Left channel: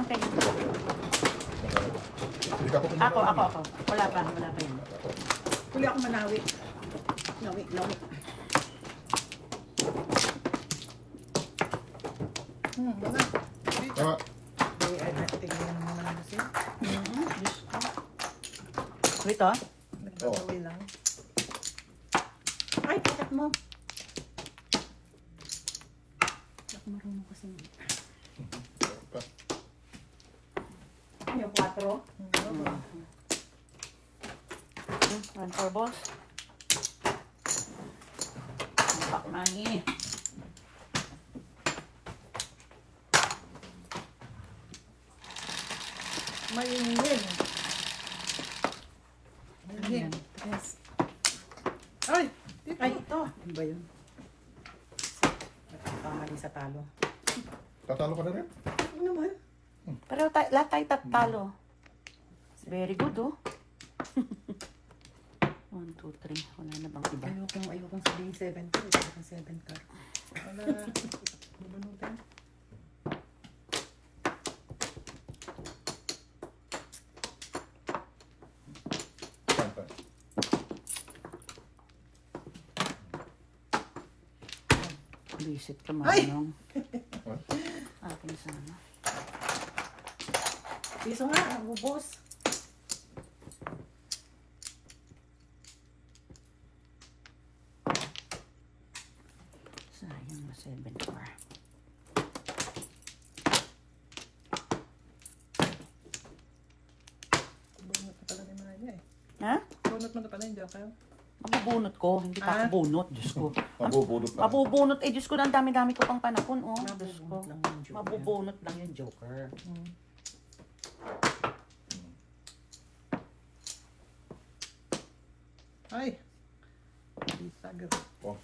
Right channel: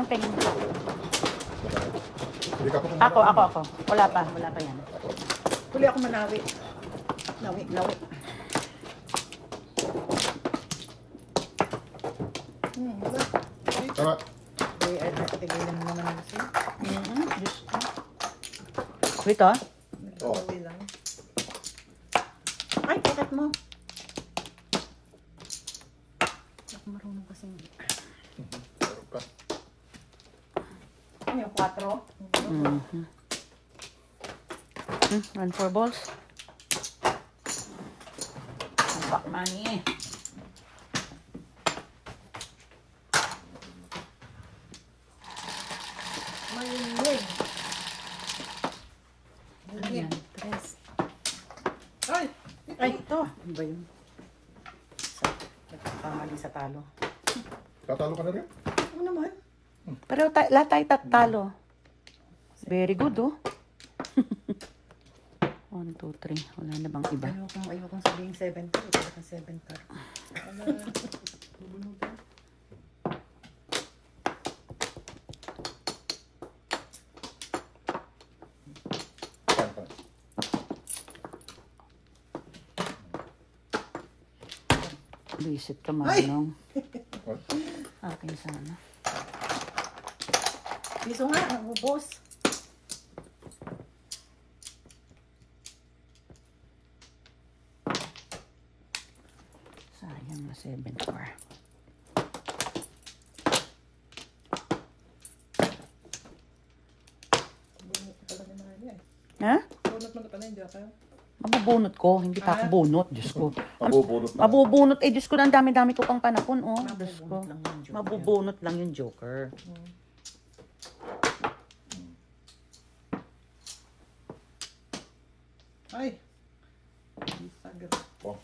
Anong tingin mo? Hindi ka pa Ako. Wala pa yan. Huli ako malawi. Lawi. Wala. Tama. Ay, nakatigay na naman ang asin. Diyos ko. Wait, ah. Nagkawali lang. Ay, pakat mo. Ako marunong kasi. Ay, 4. And 4 balls. Back money. Malinid. Ayan. Ay, ito. Ano ba yun? Nagkamali sa talo. Tatalo ka na rin? Ano naman? Pero lahat tayo tatalo. Very good, oh. 1, 2, 3. Wala na bang iba? Ayokong sabihin 7 car. Ito ka 7 car. Bubunutan. Fine. Reset ka mo, Ay! no? What? Akin sana. Piso nga, ubos. Sayang na 7 car. Bunot ko pala yung mga niya eh. Ha? Bunot mo na pala yung joker. Mabubunot ko. Hindi pa ako bunot. Diyos ko. Mabubunot na. Mabubunot. Eh, Diyos ko na ang dami-dami ko pang panahon, oh. Diyos ko. Mabubunot lang yung joker. Mabubunot lang yung joker. Ay! Sagot. Oh.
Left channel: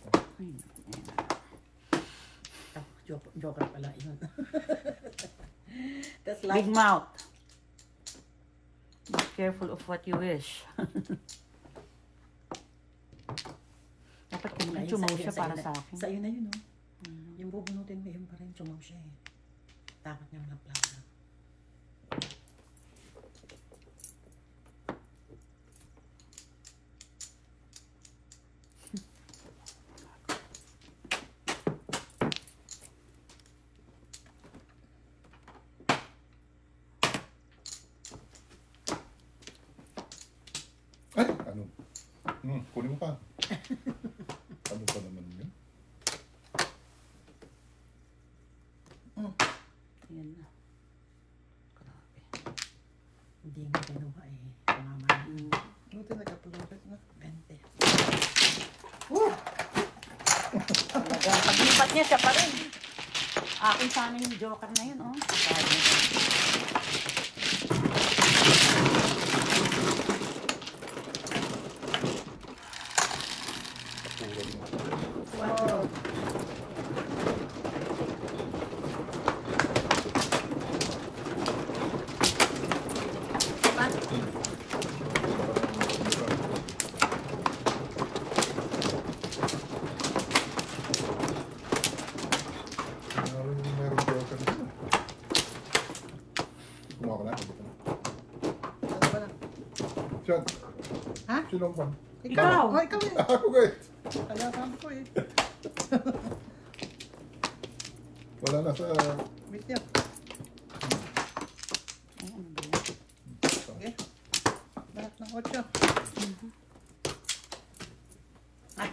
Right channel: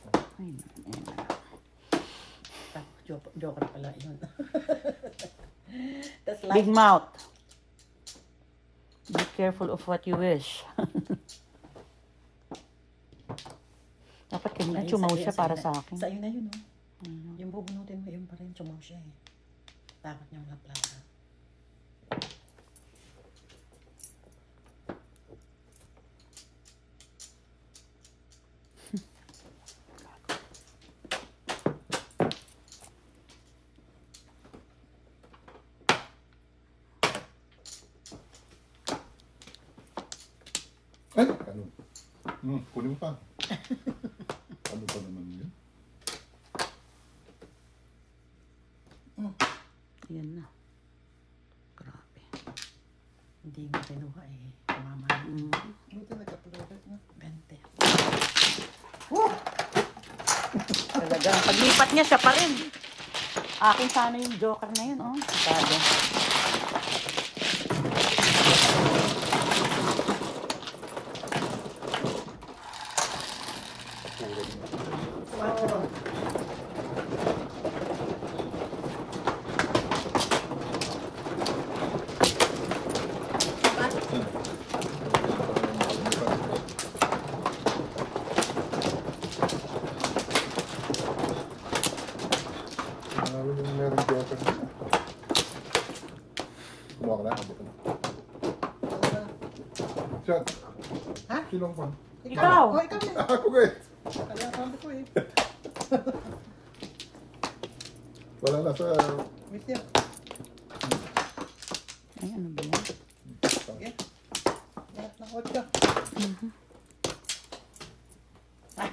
Ay, Joker pala yun. That's big like, mouth. Be careful of what you wish. Dapat kung chumaw siya para sa akin. Sa'yo na yun, no? Yung bubunutin mo, yun pa rin, chumaw siya eh. Takot niya mga plaka. Ay! Ano? Kunin mo pa. Ano ba naman yun? Ayan na. Grabe. Hindi nga pero ay kumama. Buti nagkapulokit na. 20. Talagang paglipat niya siya pa rin. Akin sana yung joker na yun, oh. Sabi. Wow. Meron joker dito. Kumuha ka lang. Chad. Ha? Silong pa. Ikaw. Oh, ikaw eh. Ako guys. Kaya sabi ko eh. Wala na sa... Wait niyo. Ay, ano ba yan? Okay. Nakakot ka. Ay,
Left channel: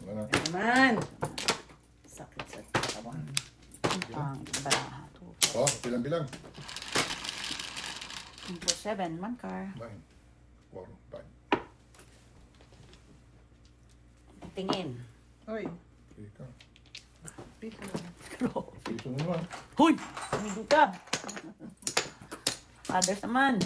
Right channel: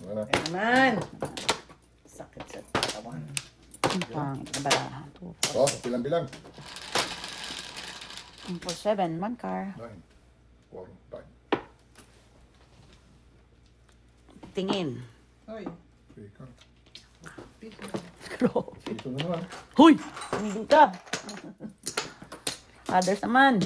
Wala. Naman. Sakit sa katawan. ang baraha. Oh, bilang-bilang. 2, 4, 7. 1 car. 9, 4, 5. Tingin. Ay. 3 ka. Piso. Piso na naman. Huy! Tumigil ka! Others naman.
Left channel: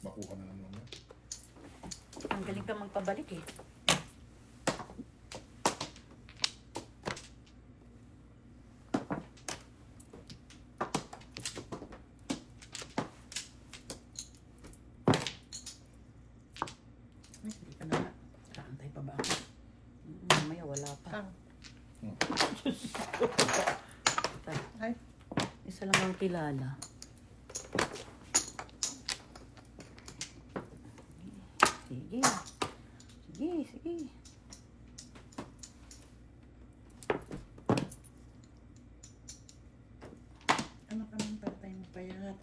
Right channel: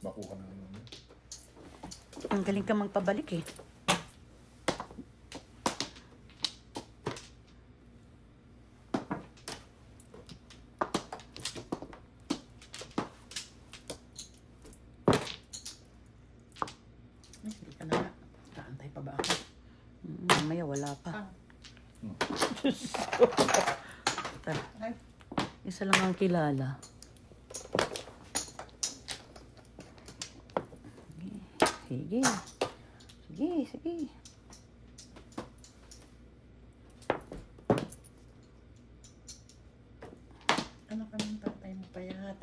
Makuha na naman. Ang galing ka magpabalik eh. Hindi pa na. Kaantay pa ba ako? Mamaya Ay. Isa lang ang kilala. Sige. Sige, sige. Ano ka nang tatay mo payat?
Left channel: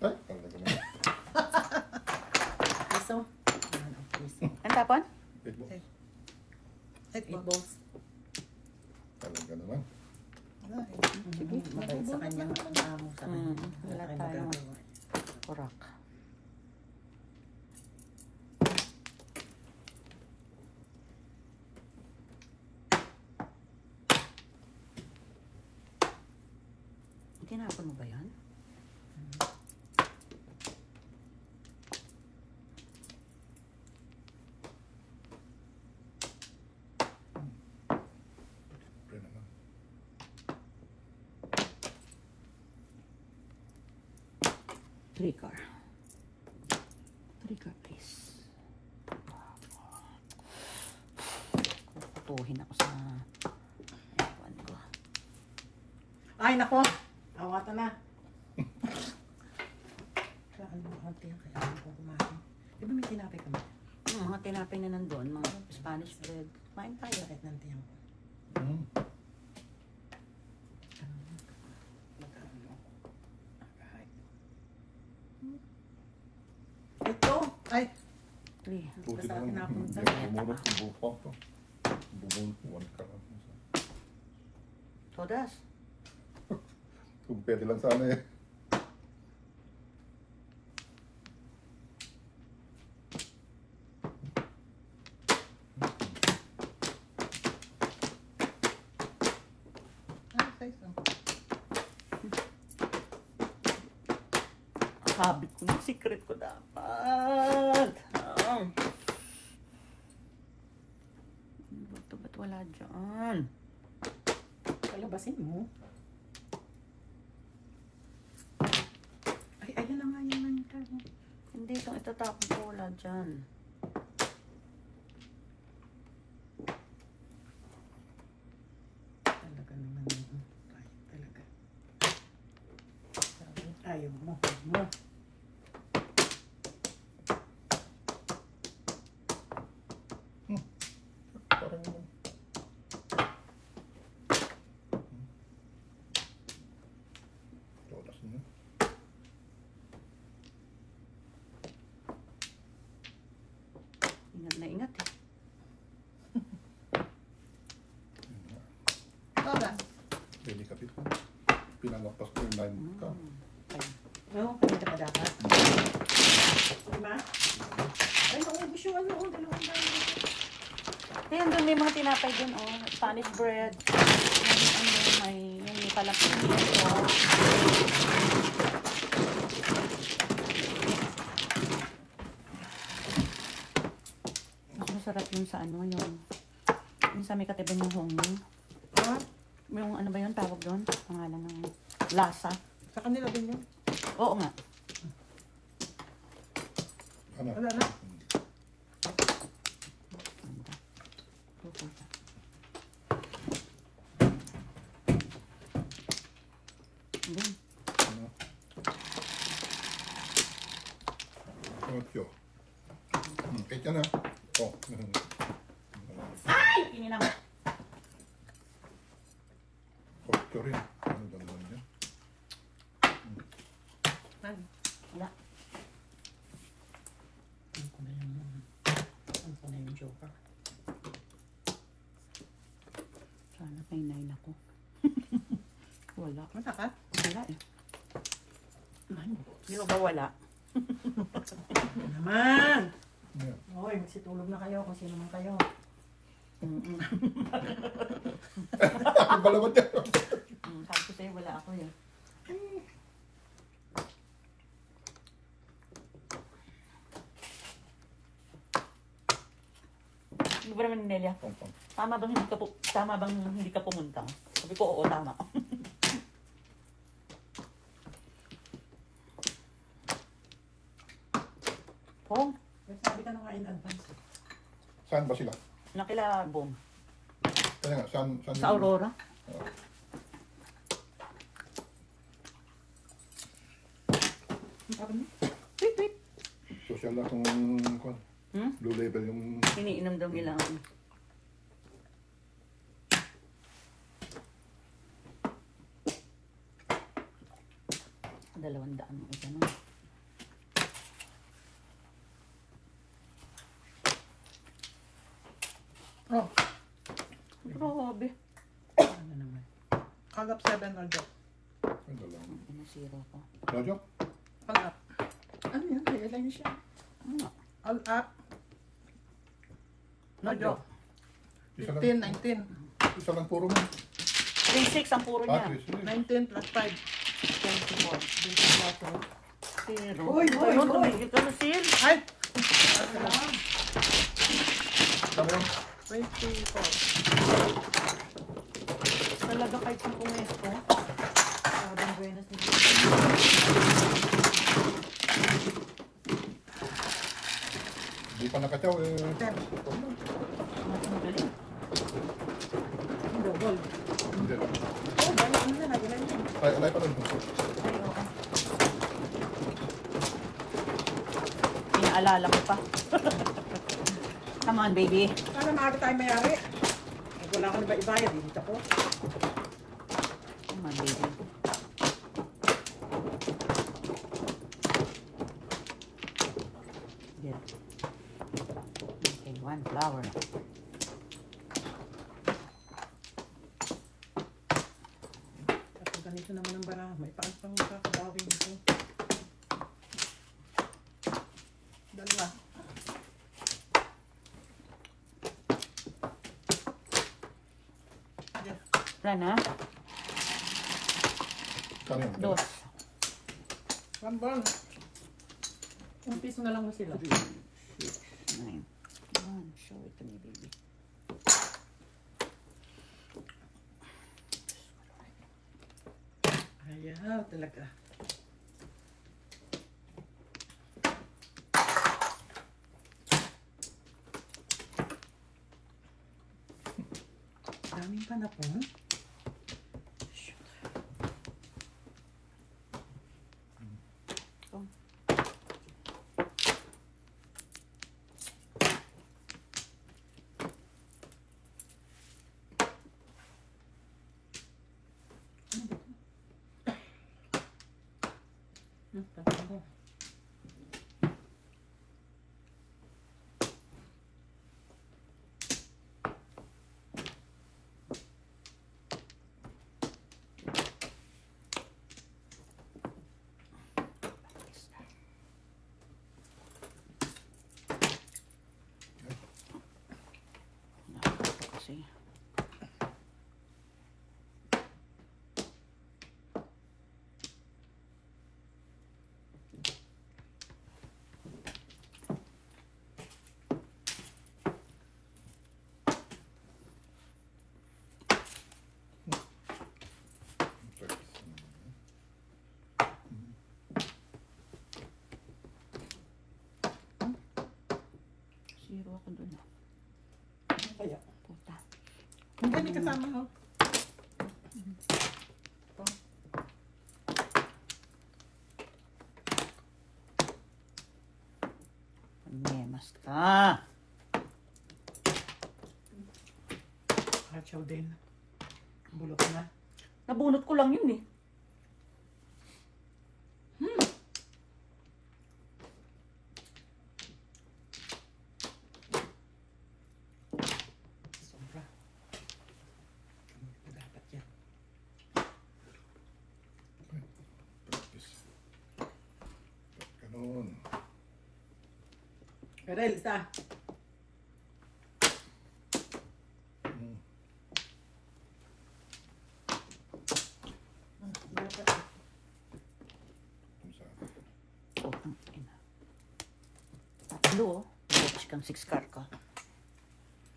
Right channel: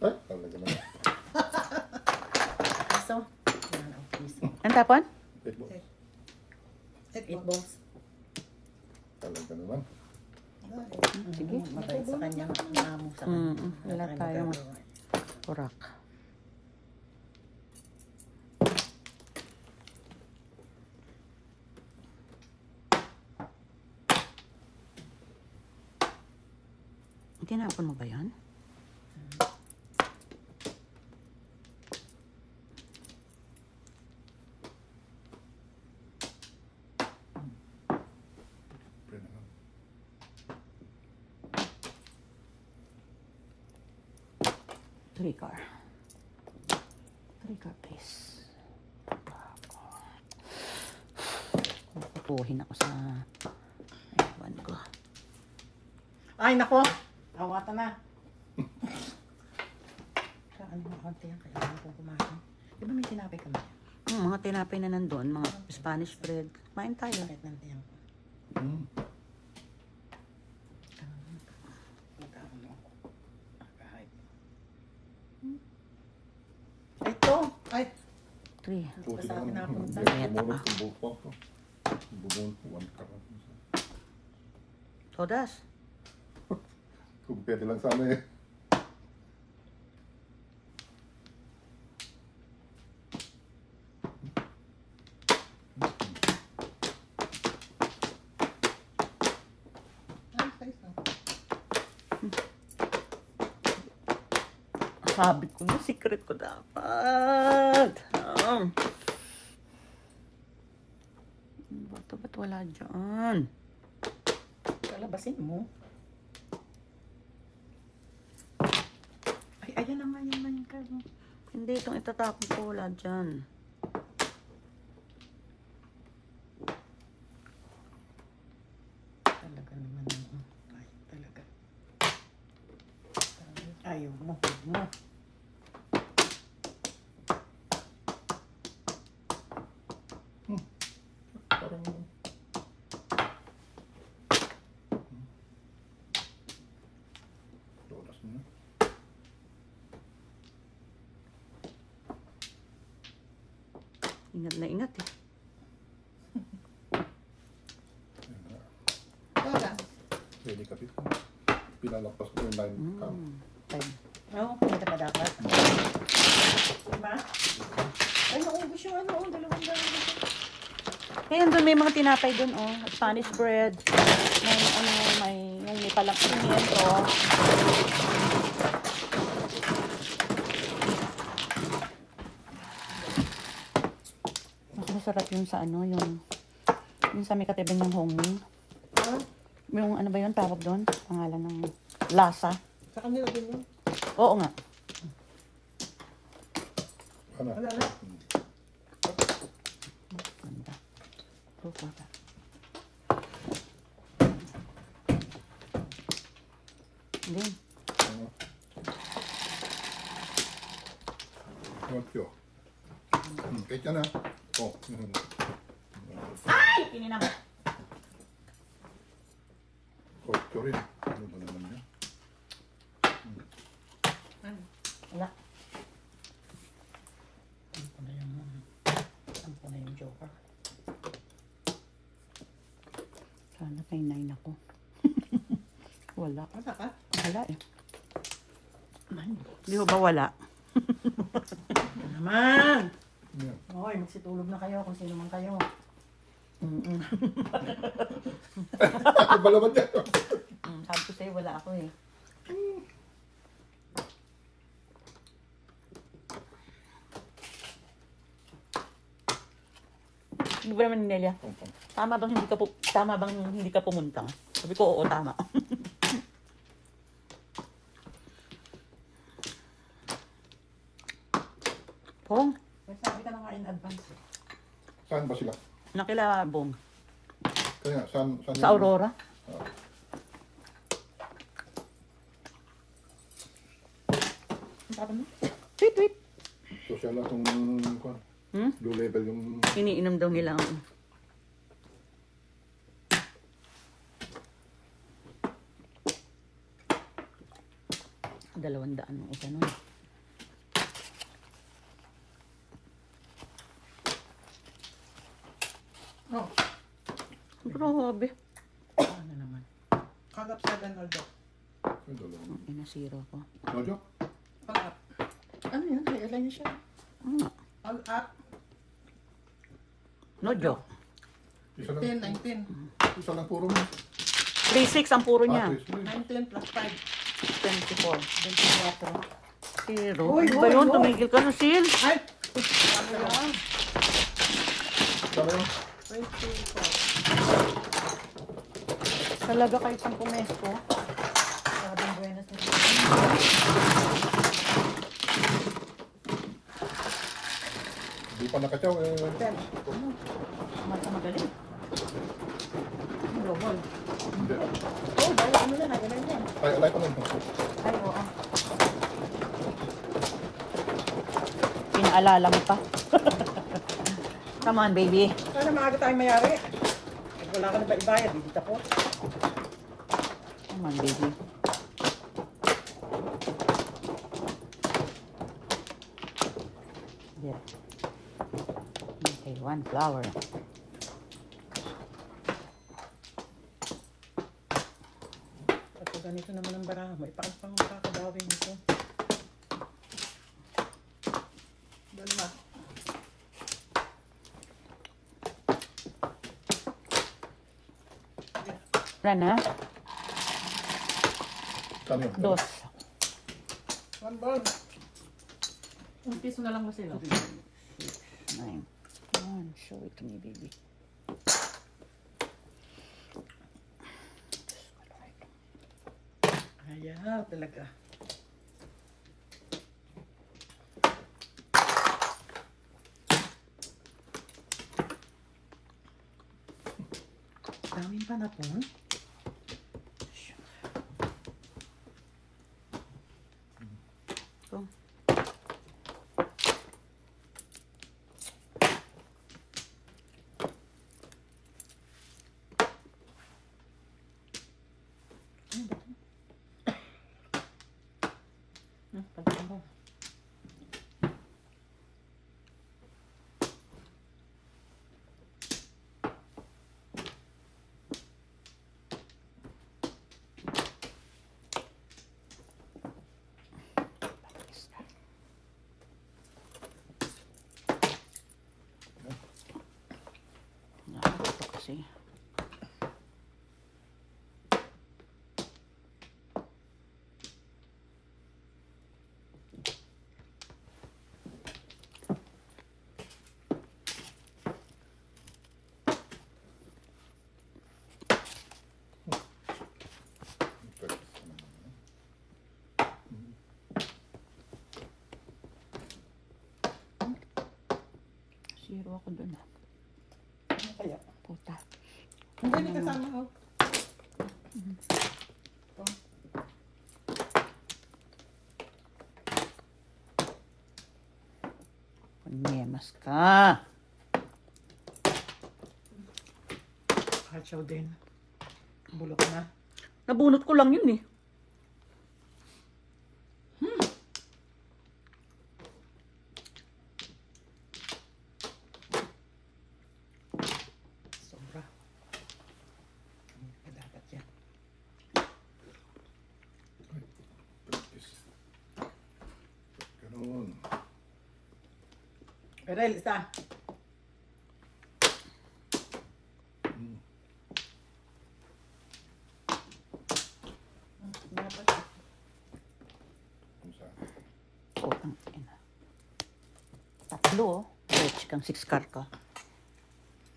Ay, talaga naman. So, Ang tapon? Wait mo. 8 balls. Talaga naman. Sige, mabait sa kanya. Maamo sa kanya. Wala tayo. Kurak. Tinapon mo ba yan? Pre naman. Three car, please. Pupuhin ako sa ewan ko. Ay, nako! Awata na. Saan mo konti ang kailangan kong kumain? Di ba may tinapay ka ba? Mga tinapay na nandun, mga Spanish bread. Kumain tayo. Sakit ng tiyang. Hmm. Ito! Ay! 3. Buti Sa na akin ako. napunta. Bumulot. Bumulot to. Bumulot. One ka na. Sodas. Kung pwede lang sana eh. Ay, size lang. Sabi ko na, secret ko dapat. Ba't wala dyan? Palabasin mo. Ay, ayan na nga yung manika. Hindi, itong itatapon ko, wala dyan. Talaga naman mo. Kahit talaga. Ayaw mo. No. Parang todas na. Ingat na ingat eh. Para. Pwede kapit ko. Pinalagpas ko yung line cam. Fine. No, pwede pa dapat. Diba? Ay, naubos yung ano, dalawang dahil. Kaya doon may mga tinapay doon, oh. Spanish bread. May ano, may palang pimiento. Mas masarap yung sa ano, yung sa may katiban ng homemade. Oh, Yung ano ba yun, tawag doon? Pangalan ng lasa. sa kanila din yun. Oo nga. Ano? Wala na. Hindi. Ano? Otyo. Kahit yan ha. Oh. Ay! Kininang. Otyo rin. Ano ba naman yun? Ano? Wala. Ano ko na yung joker? Sana may 9 ako. Wala. Punta ka? Wala eh. Di mo ba wala? Naman! Ano? Okay, magsitulog na kayo kung sino man kayo. Ako balawan yan. Sabi ko sa'yo, wala ako eh. Ano ba naman, Nelia? Tama bang hindi ka pumunta? Sabi ko, oo, tama. Kung, Sabi ka na nga in advance. Saan ba sila? nakilabong. Kaya, saan Sa Aurora. Ah, Wait, wait. social na itong Hmm? blue level yung... Iniinom daw nila. $200 ang isa nun. Oh, Grabe. ano naman. Kagap 7 Aldo. Ay, wala. Ang pinasira ko. No joke? Kagap. Ano yan? Kailan niya siya? Ah, All up. no joke. Isa lang, 10, 19. isa lang puro. 3-6 ang puro niya. 19 plus 5. 24. 24. Pero, Uy, ano ba uy, yun? uy. Tumigil ka ng sil. Ay! Ano yun? 24. Talaga kayo pang pumesto. Sabing buenas na. Hindi pa nakachaw eh. 10. Ang galing. Double. Hindi. Oh, ano yan? Ano yan? Ay, alay pa lang. Ay, oo. Inaalala mo pa. Come on, baby. Sana maaga tayong mayari. Wala ka na ba ibayad? Hindi ako. Come on, baby. Yeah. Okay, 1 flower. Kapag ganito naman ang baraha, may paagpang kakabawin nito. Dalawa. Wala na? Saan yun? Dos. One. Ang piso na lang ba sila? 9. Come on, show it to me, baby. Ayan, talaga. Daming panapon. Oh. Ito kasi. Zero ako dun. Ano kaya? Puta. Hindi ka sana ako. Panyemas ka. Kachaw din. Bulok na. Nabunot ko lang yun eh. Sobra. Hindi ka dapat yan. Practice. Ganun. Karel, isa. Dapat. Kung saan. Oh, ang ina. Tatlo oh. Watch kang 6 car ka.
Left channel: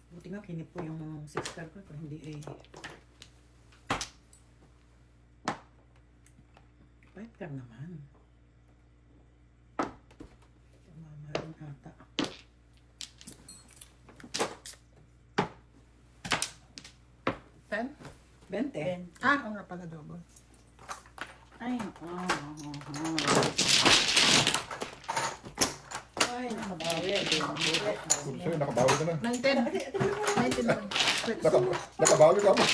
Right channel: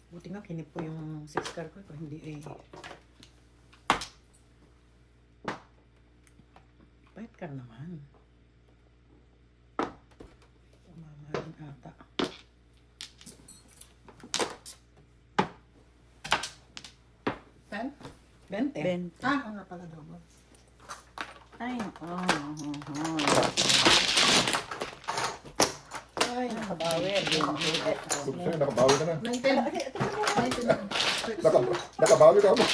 Buti nga kinip ko yung 6 car ko. Hindi eh. 5 car naman. Mamahalin 20. Ben. Ah, oo nga pala double. Ay, Ay, nakabawi. Sa'yo, nakabawi ka na. 19. Nakabawi ka ba?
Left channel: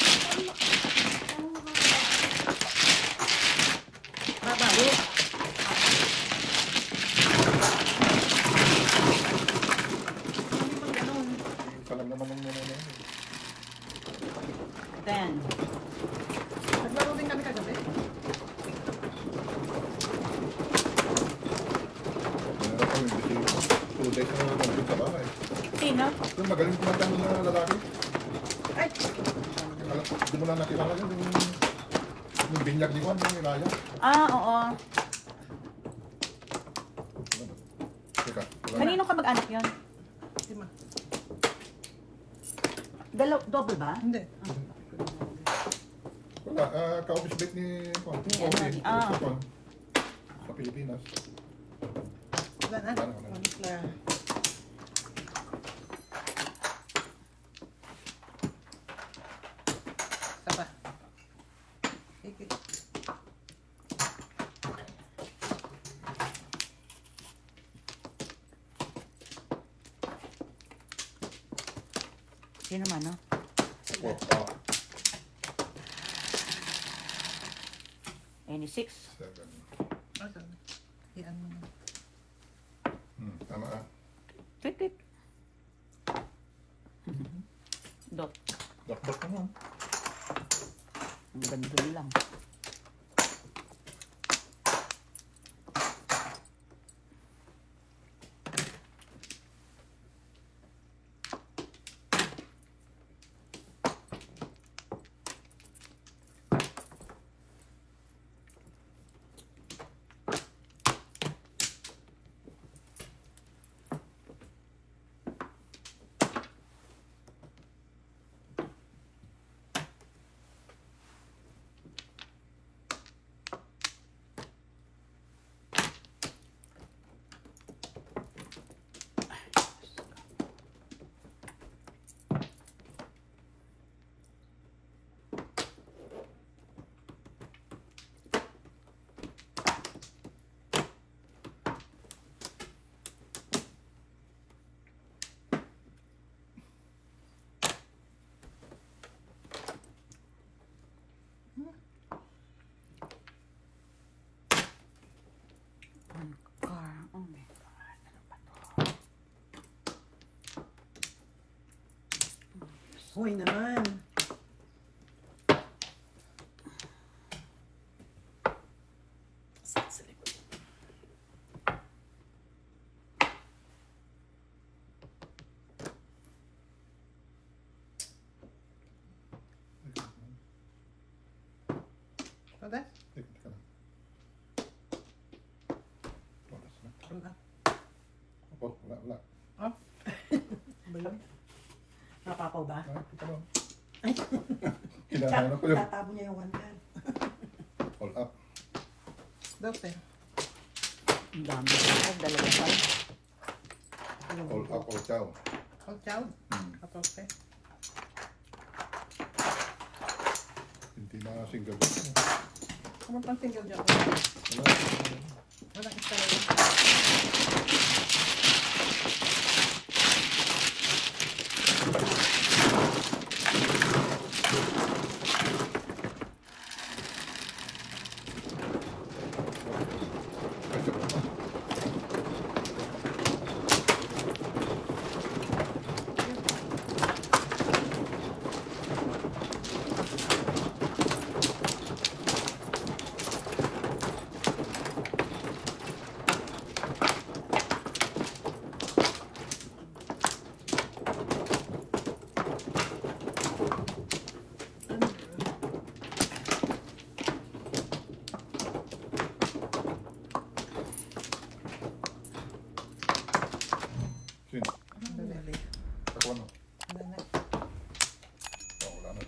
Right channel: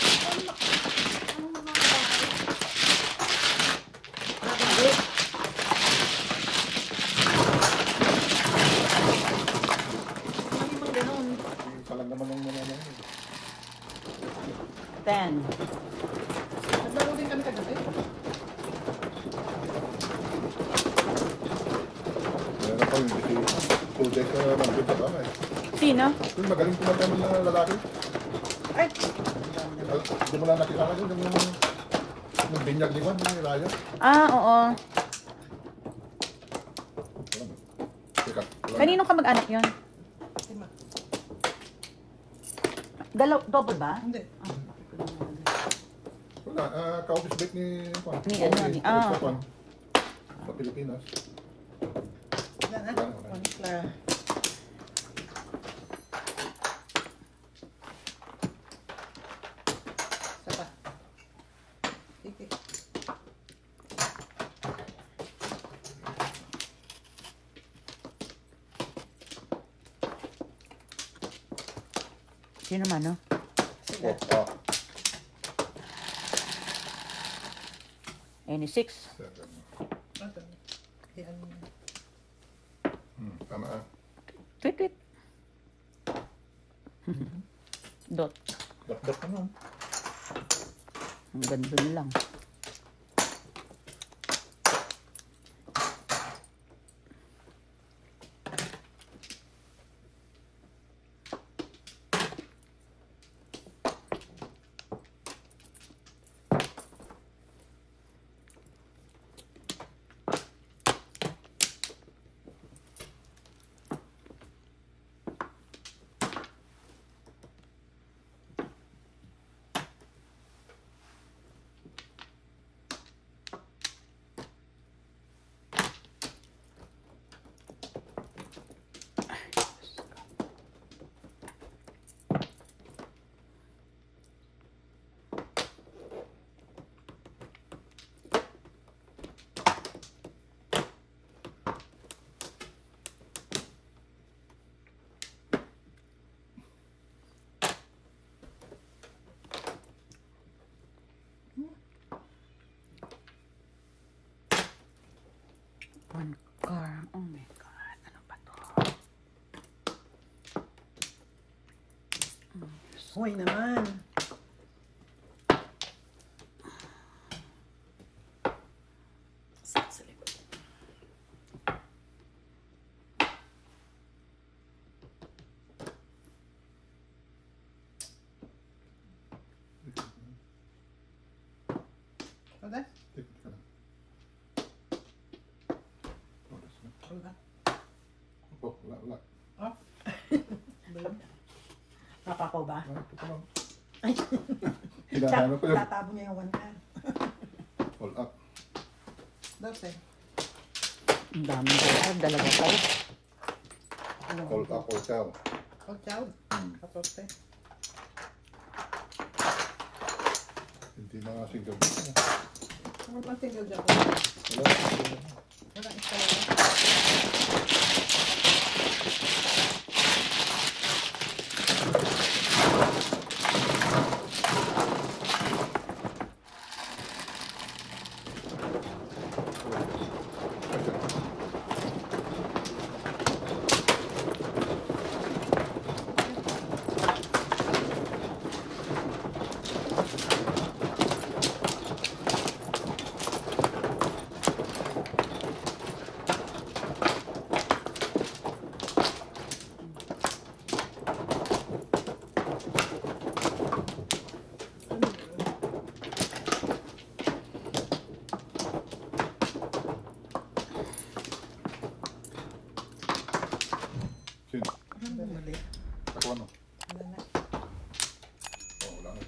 Isa lang naman ang muna natin. 10. Naglaro din kami kagabi. Tutek na mag-grid ka ba? Sino? Yung magaling kumanta ng lalaki. Ay! Simula nakilala ko yung binyag ni Juan, yung layo. Ah, oo. Teka, Kanino ka mag-anak yun? Lima. Double ba? Hindi. wala, ka-office plate ni Juan. Ni ano, ni- ah. Juan. Sa Pilipinas. Wala na. Wala. Saka. Sige. Sino man, no? Sige. Any 6? Second. Asan? Yan. Tama ah. Tweet, tweet. Dot. Dakdak ka na. Ang ganda na lang. One car. Oh my God. Ano ba to? Hoy naman. Sa likod. Wala? Wala. Oh, wala. Bulog. Napakaw ba? Ay. Kinahanap ko yung Tatabo niya yung 110. all up. Dati. Ang dami ko. Dalawa pa. All up or chow. Oh, chow. Kapote. Hindi na single. Kumul pang tinggal dyan. Wala. Walang isa. Sino? Mali. Ako ano? Wala na. Oh, wala na.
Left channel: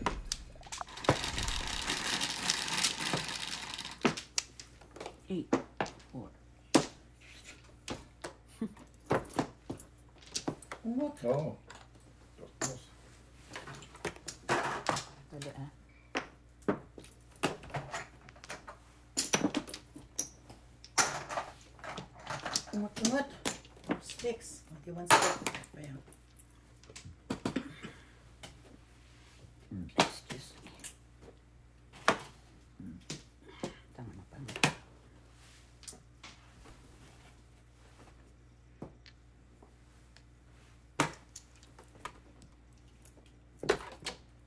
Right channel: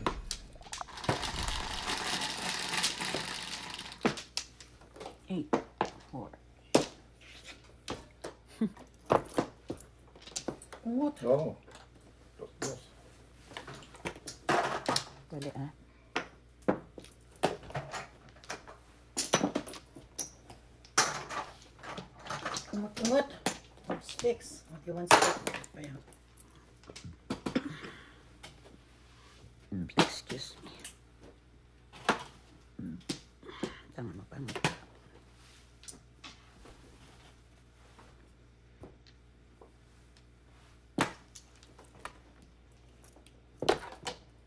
Eight. 4. Kumot. Oo. Dos, dos. Dali ah. Kamot. Sticks. Okay, one stick. Ayan. Excuse me. Tama na pa.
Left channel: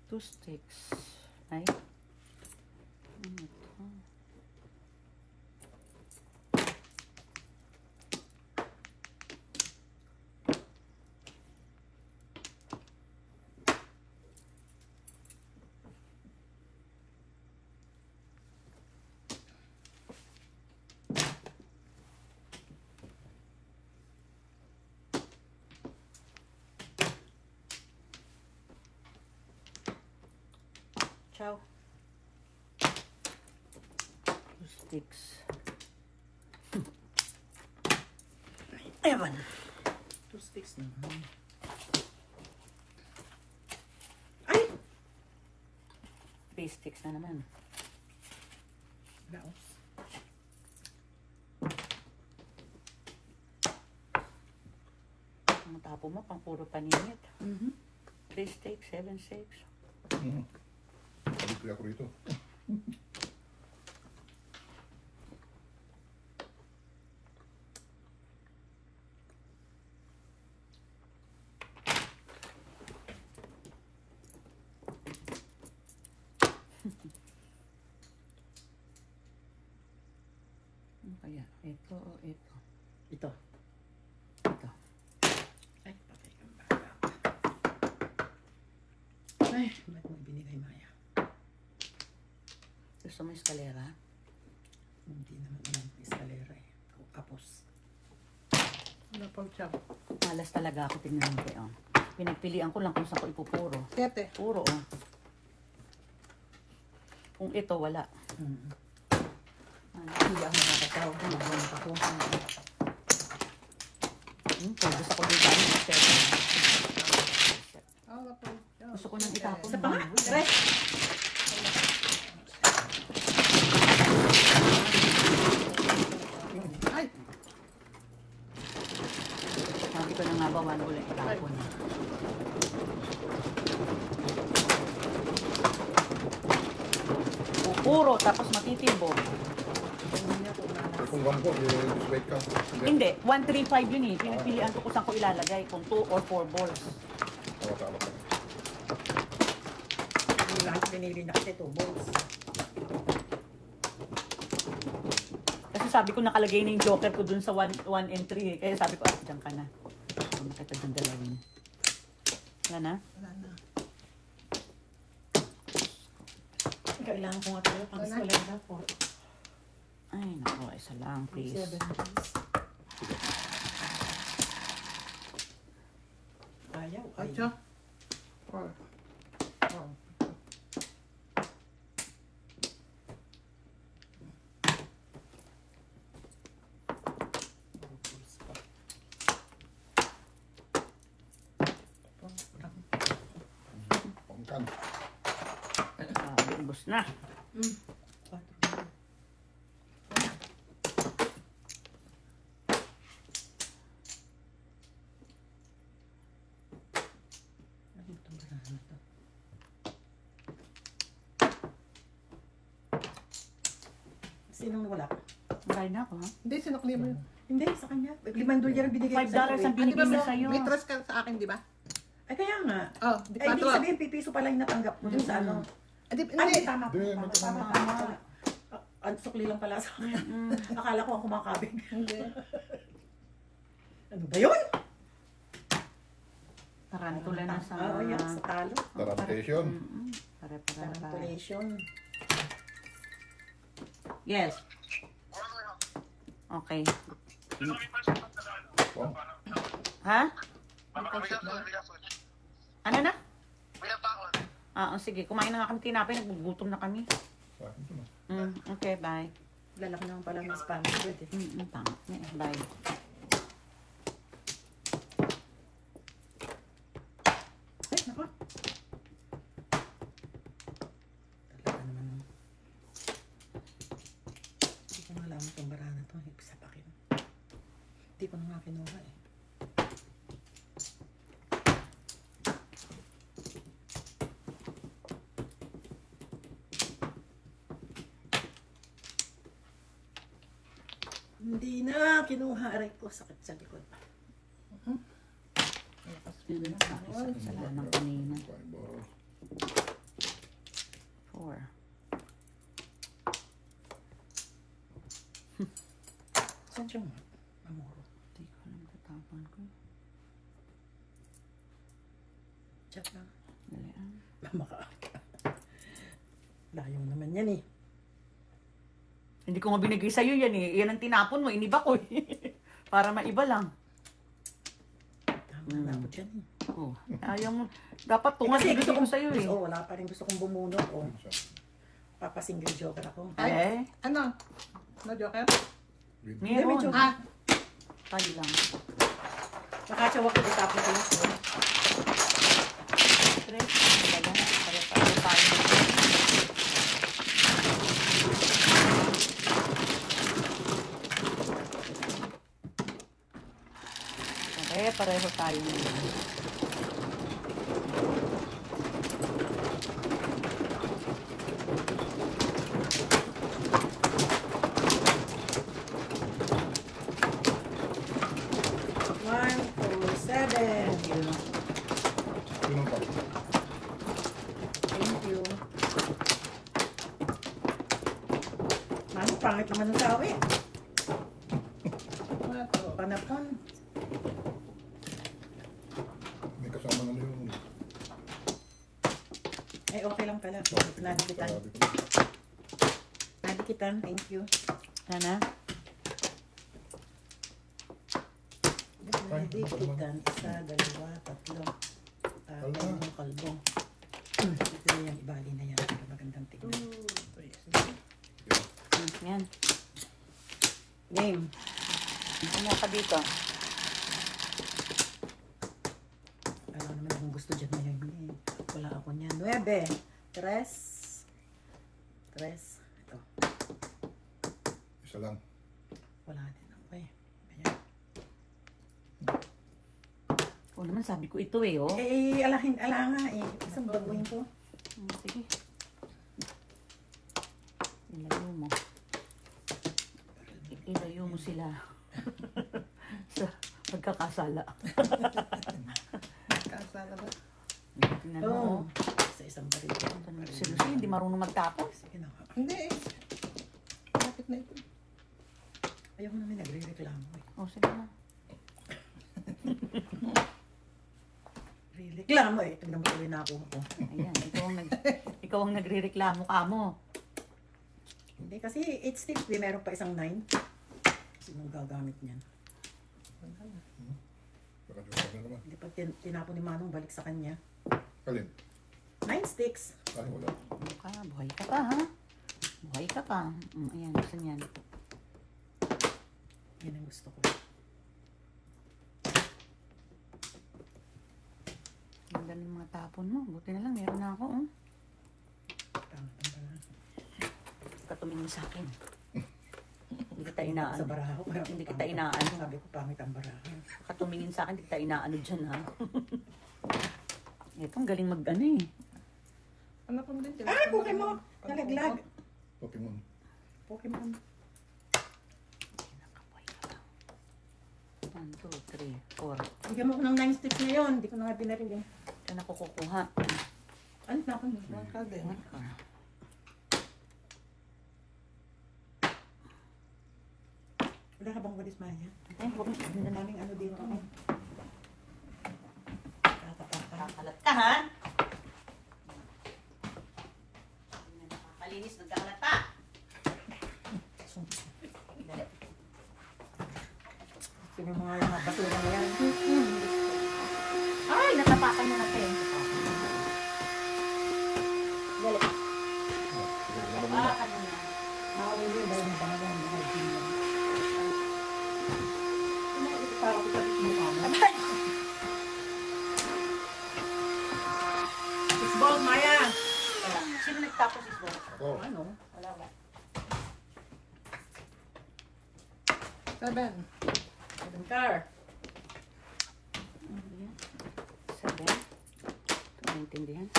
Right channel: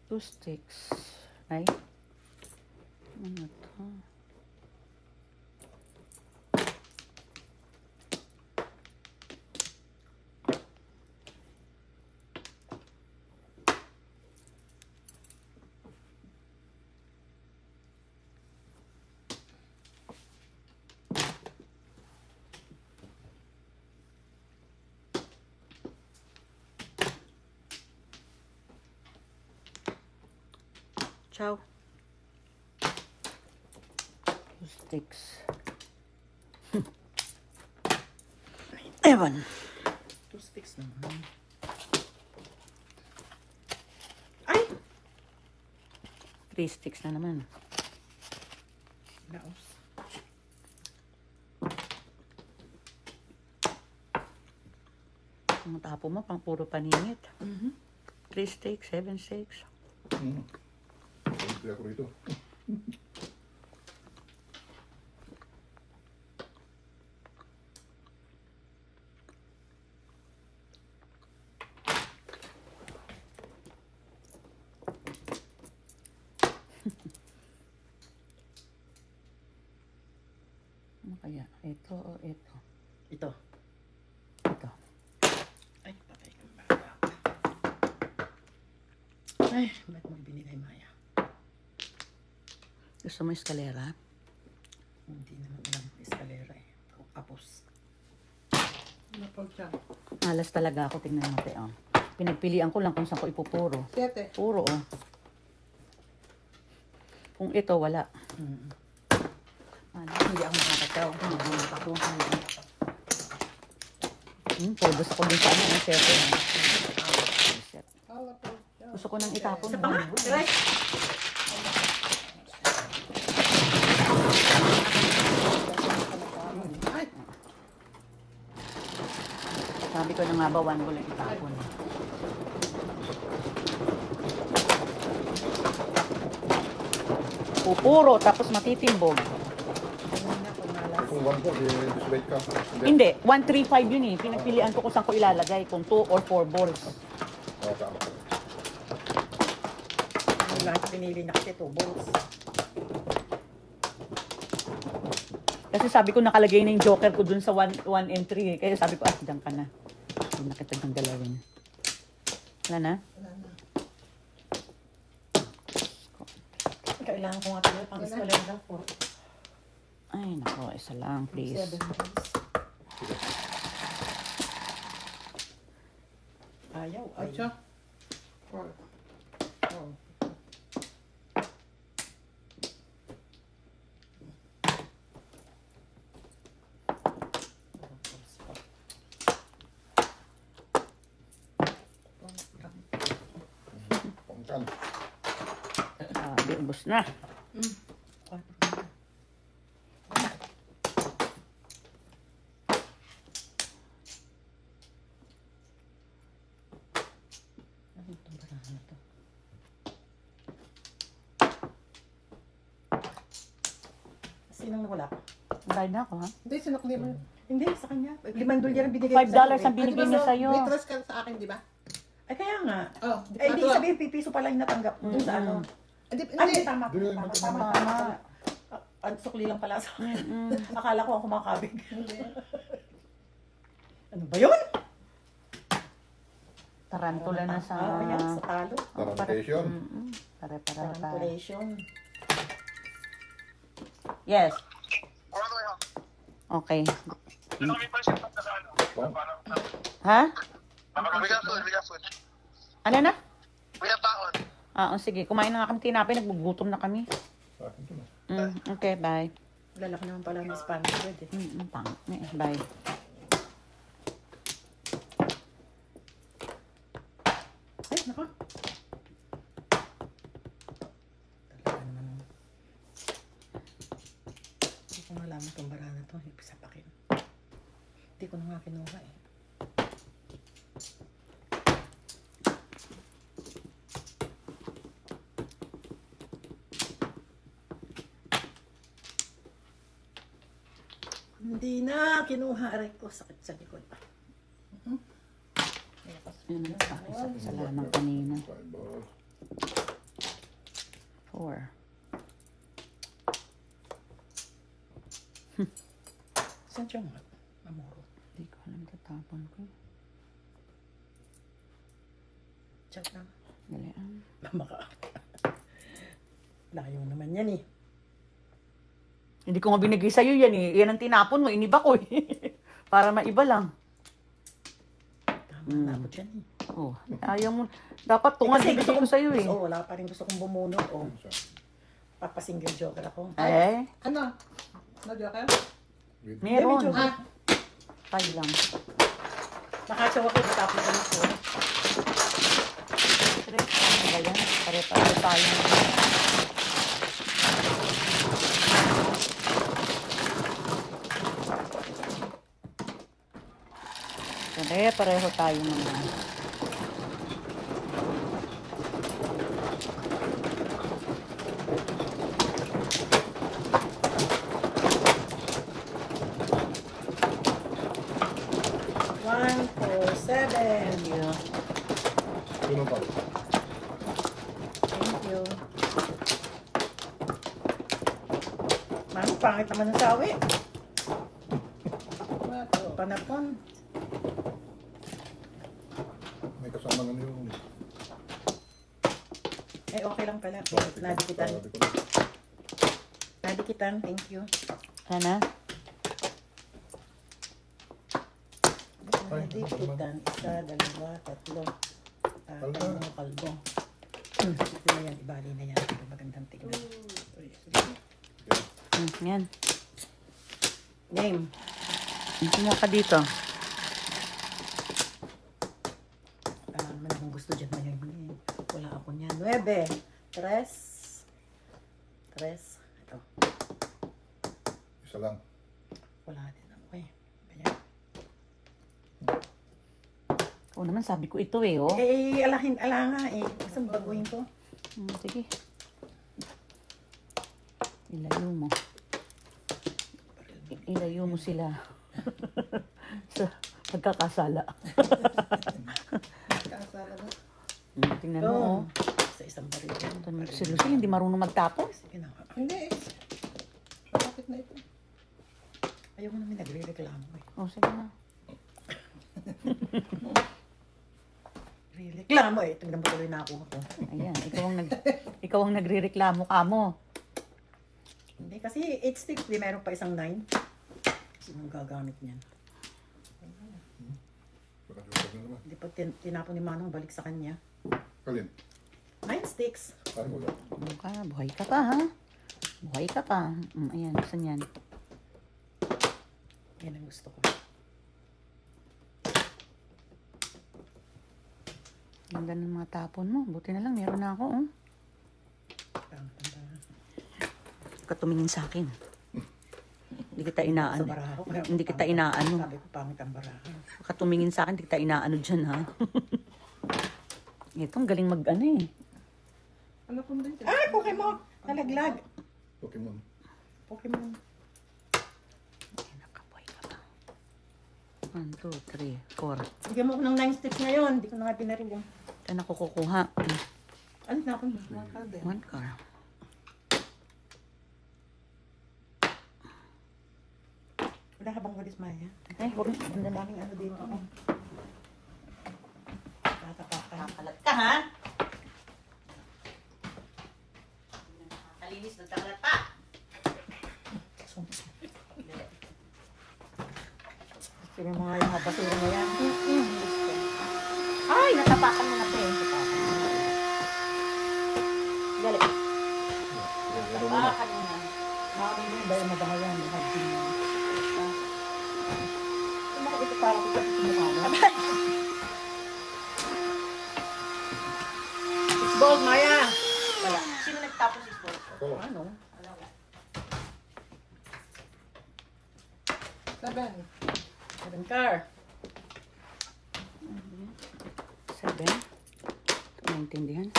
Two sticks. Ay. Ano to? Ciao. Two sticks. Ewan. Two sticks na. Ay! Three sticks na naman. Naos. Ang tapo mo, pang puro paninit. 3 sticks, 7 sticks. Kaya ko rito. Ano kaya? Ito o ito? Ito. Ito. Ay, patay kang bata. Ay, ba't mo binigay, Maya? Gusto mo eskalera? Hindi naman lang eskalera eh. Tapos. Napag siya. Malas talaga ako. Tingnan mo kayo. Pinagpilian ko lang kung saan ko ipupuro. Siyete. Puro oh. Kung ito, wala. Hindi ako nakakataw. Ako. Gusto ko din sa ano. Ang siyete. Gusto ko nang itapon. Ay! Sabi ko na nga ba, one ulit itapon. Pupuro, tapos matitimbog. Kung one po, i-wait ka. Hindi, 135 yun eh. Pinagpilian ko kung saan ko ilalagay. Kung 2 or 4 balls. Okay. Yung lahat pinili na kasi 2 balls. Kasi sabi ko nakalagay na yung joker ko dun sa 1 and 3 eh. Kaya sabi ko, dyan ka na. Bakit ang galawin? Wala na? Wala na. Kailangan ko nga tayo pang eskalera po. Ay, naku, isa lang, please. 7 balls. Ayaw, ayaw. Pangkan. Ubus na. Sinong wala? Bayad na ako, ha? Hindi, sinukli mo yun. Hindi, sa kanya. $5 binigay ko $5 ang binigay niya sa'yo. May trust ka sa akin, di ba? Ay, kaya nga. Oh, di Eh, ba? di sabihin, pipiso pala yung natanggap ko. Yung sa ano. Hindi, Ay, hindi. tama ko. Hindi, Tama, hindi. tama, tama. Ang sukli lang pala sa akin. Akala ko ang kumakabig. Hindi. Ano ba yun? Tarantula na sa... Ano ba yan? Sa talo? Tarantation. Pare-pare. Manipulation. Yes. Okay. Wow. Ha? Ano na? Ah, sige. Kumain na kami tinapay. Nagbugutom na kami. Ah, ito na. Okay, bye. Lalaki naman pala ng Spanish. Bye. Ay, naku. Talaga naman. Hindi ko malaman itong bara na ito. Sapakin. Hindi ko na nga nga kinuha eh. Hindi na kinuha. Aray ko, sakit sa likod. Salamat kanina. 4. Saan siya nga? Amor. Hindi ko alam, tatapon ko. Check na. Dali ang. Maka. Layo naman yan eh. Hindi ko nga binigay sa'yo yan eh. Yan ang tinapon mo, iniba ko eh. Para maiba lang. Tama na ako dyan eh. Oh, ayaw mo. Dapat tungan Kasi gusto ko sa'yo eh. Oo, wala pa rin gusto kong bumunot. Oh. Papasingle joker ako. Eh, Ano? No joker? meron. Ah, Ay lang. makasyaw ako sa top na ito. Ayan, pare-pare tayo. Pare-pareho tayo naman. One, four, seven. Yeah. Sino pa? Thank you. Mami, pangit naman ang sawi. Panapan. May kasama nga yung... Eh, okay lang pala. Nadikitan. Nadikitan, thank you. Sana? Nadikitan. Isa, dalawa, tatlo. Tatlo, kalbo. Ito na yan, ibali na yan. Magandang tignan. Yan. Game. Tingnan ka dito. Ano naman kung gusto dyan na yun. Wala ako niyan. 9. 3. 3. Ito. Isa lang. Wala din ako eh. Ayan. Oo naman, sabi ko ito eh, oh. Eh, ala nga eh. Isang baguhin ko. Sige. Ilayo mo. Ilayo mo sila. Sa pagkakasala. Kansala na. Tingnan mo, oh. Sa isang baril. Seriously, hindi marunong magtapos. Sige na. Hindi. Bakit na ito? Ayaw mo namin nagre-reklamo eh. Oh, sige na. Reklamo eh. Ito ginambuloy na ako. Ayan, ikaw ang nagre-reklamo ka mo. Hindi kasi 8 sticks. Di meron pa isang 9. Sino gagamit niyan? Parang isa na naman. Hindi pa tinapon ni Manong balik sa kanya. Kalin? 9 sticks. Ano wala? Buhay ka pa, ha? Buhay ka pa. Ayan, gusto niyan. Yan ang gusto ko. Ganda ng mga tapon mo. Buti na lang, meron na ako, oh. Katumingin sa akin. Hindi kita Sa inaano. baraha ko. Hindi kita inaano. Sabi ko pangit ang baraha. Katumingin sa akin, hindi kita inaano dyan, ha? Ito, ang galing mag-ano eh. Ano pong din dyan? Ah, Pokemon! Nalaglag. Pokemon. Pokemon. Nakabuhay ka pa. 1, 2, 3, 4. Bigyan mo ko ng 9 sticks ngayon. Hindi ko na nga pinaril yung... Saan ako kukuha? Ano na ako? Mga kalde. 1 ka. Wala ka bang walis, Maya? Eh, Ang daming ano dito. Tatapakan. Kakalat ka, ha? Kalinis, nagkakalat ka. Sino yung mga basura na yan? Ay, natapakan mo na ito. Dali. Natapakan mo na. Makakawin mo yung bayo na bangalan. Ano ka dito para kita dito mukha mo? It's bold, Maya! Sino nagtapos ito? Ako. Ano? 7. Seven car. 7. Ito maintindihan.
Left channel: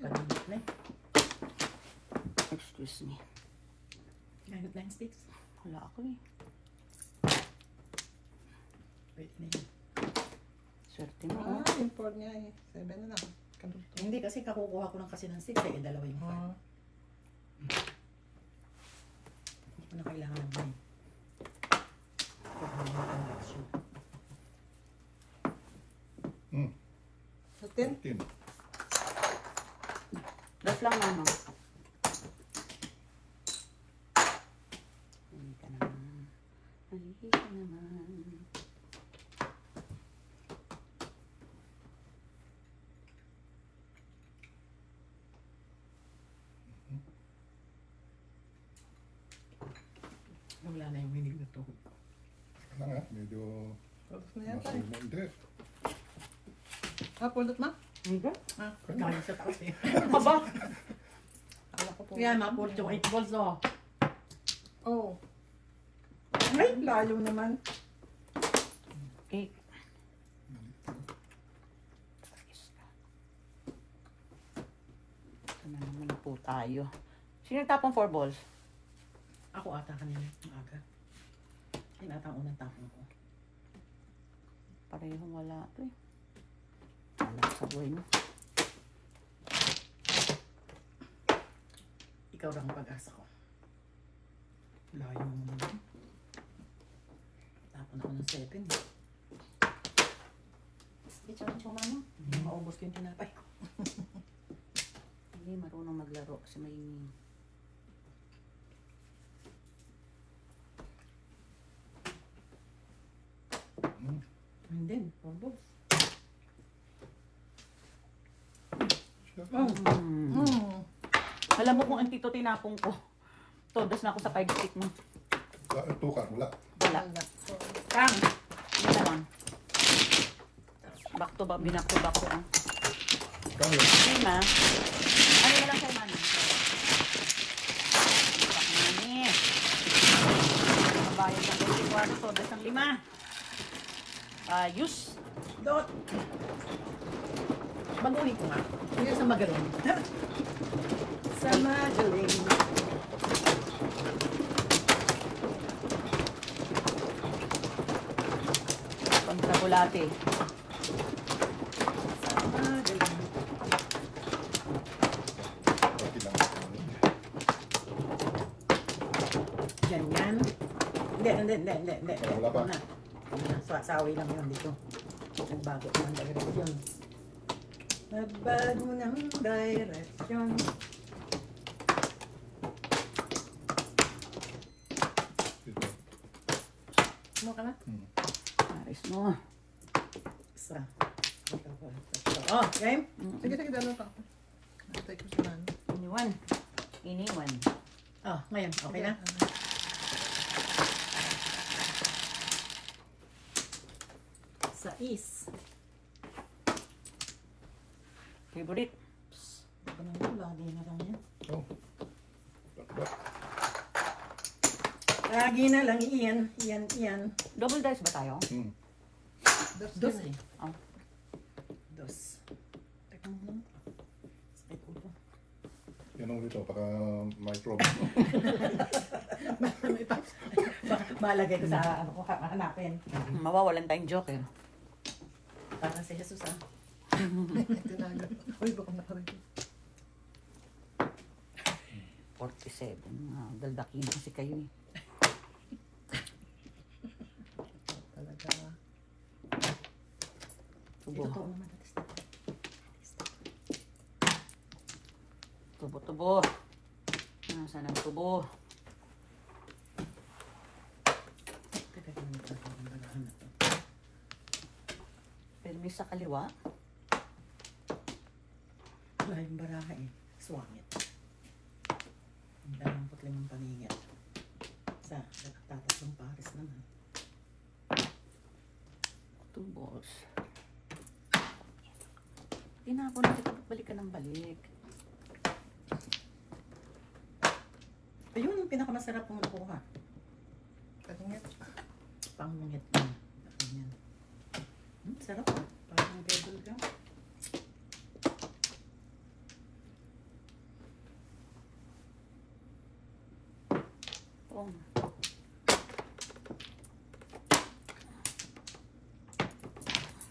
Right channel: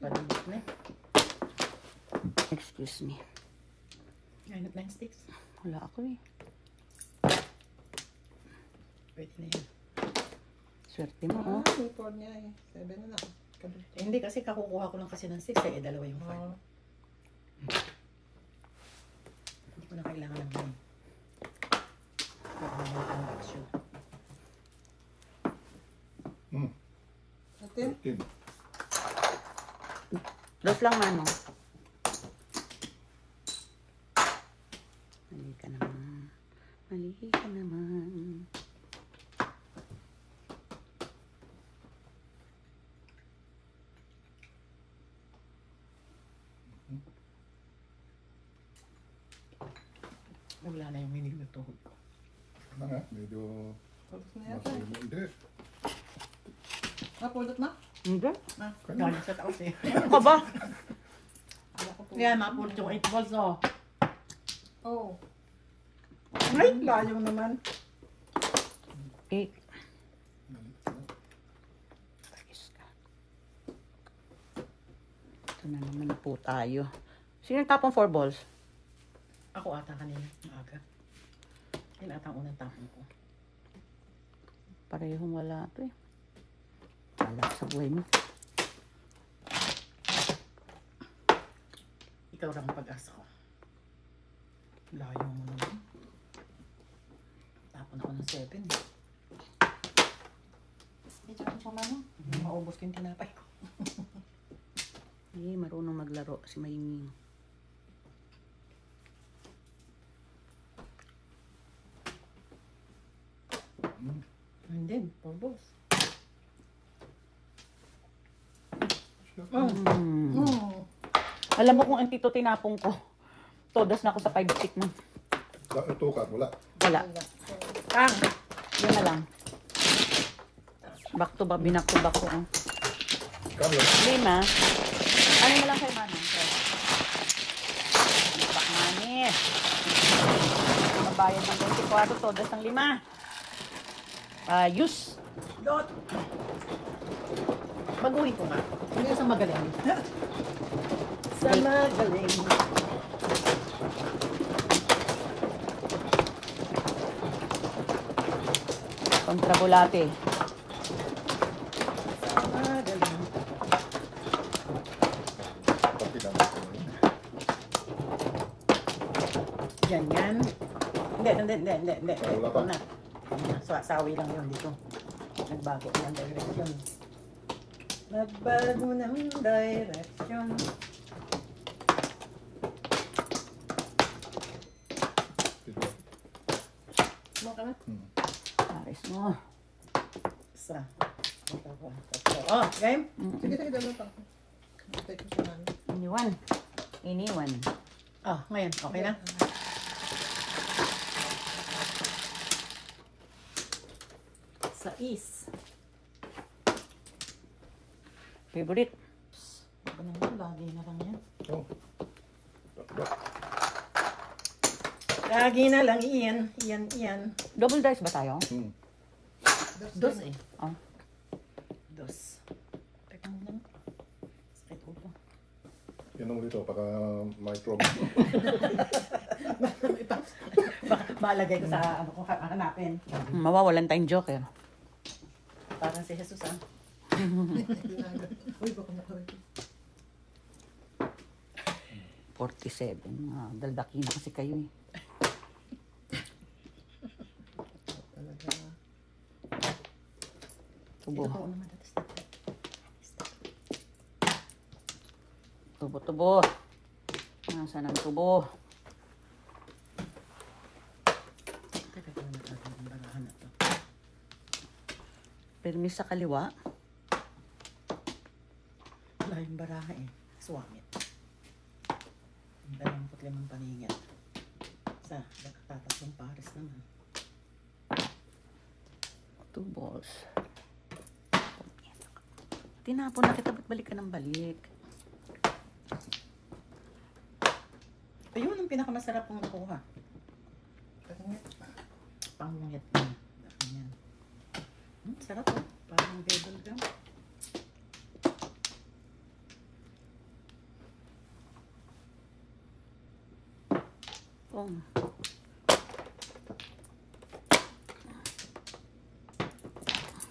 Parang na. Excuse me. 9 of 9 sticks. Wala ako eh. Pwede na yan. Swerte mo, no? Yung 4 niya eh. 7 na lang. Eh, hindi kasi kakukuha ko lang kasi ng 6 eh. Dalawa yung 5. Hindi ko na kailangan ng 9. Pag may action. Atin. 13. Dos lang, Mano. Mali ka naman. Mali ka naman. Wala na yung minig na tuhod ko. Ano nga? Medyo Tapos na yata. nasa lima. Hindi. Pulot na? Hindi. Kaya sa taos eh. Ano ka ba? Akala ko po. Kaya mapulot yung 8 balls no. Oh. Ay, layo naman. 8. Ito na naman na po tayo. Sino yung tapong 4 balls? Ako ata kanina. Aga. Ayun ata ang unang tapon ko. Parehong wala ito eh. Wala sa buhay mo. Ikaw lang ang pag-asa ko. Layo mo naman. Tapon ako ng 7 eh. Hindi, tsaka pa mama. Hindi maubos ko yung tinapay ko. Hindi, marunong maglaro si Maying. Hindi, pulbos. Alam mo kung ang tito tinapong ko. Todas na ako sa 5 stick mo. Ito ka, wala. Wala. Tang! Yun na lang. Back to back, binak to back ko. Oh. Kano? Lima. Ano na lang kay Mano? Back money. Mabayan ng 24 todas ng 5. Use. Dot! Baguhin ko nga. Hindi sa magaling. Sa magaling. Kontrabulate. Sa magaling. Pati lang. Ganyan. Hindi. Wala pa. Ito na. Saway lang yun dito. Nagbago ng direksyon. Nagbago ng direksyon. Dito. Mo ka na? Pares mo. Isa. Oh, game? Sige, dalawa ka. Take it na. Iniwan. Iniwan. Oh, ngayon. Okay na? Sais. Favorite. Ako na ito, lagi na lang yan. Oh. Bakbak. Lagi na lang iyan. Iyan. Double dice ba tayo? Dos eh. Oh. Dos. Teka muna. Sakit ulo. Yan ang ito, para micro. Palagay ko sa ano ko hanapin. Mawawalan tayong joker. Parang si Jesus ah. Tinaga. Uy, baka na ko rin. 47. Daldakin na kasi kayo eh. Talaga. Tubo. Ito ko naman dati. Tubo. Nasaan ang tubo? Teka ko naman ito. Ang balahan na to. Permis sa kaliwa. Maraming baraha eh. Swamit. Ang 25 paningat. Sa tatas ng Paris naman. 2 balls. Tinapon na kita, ba't balik ka ng balik? Ayun ang pinakamasarap kung kuha. Katungit. Pangungit. Ayan. Sarap. Parang bubble gum. Oh.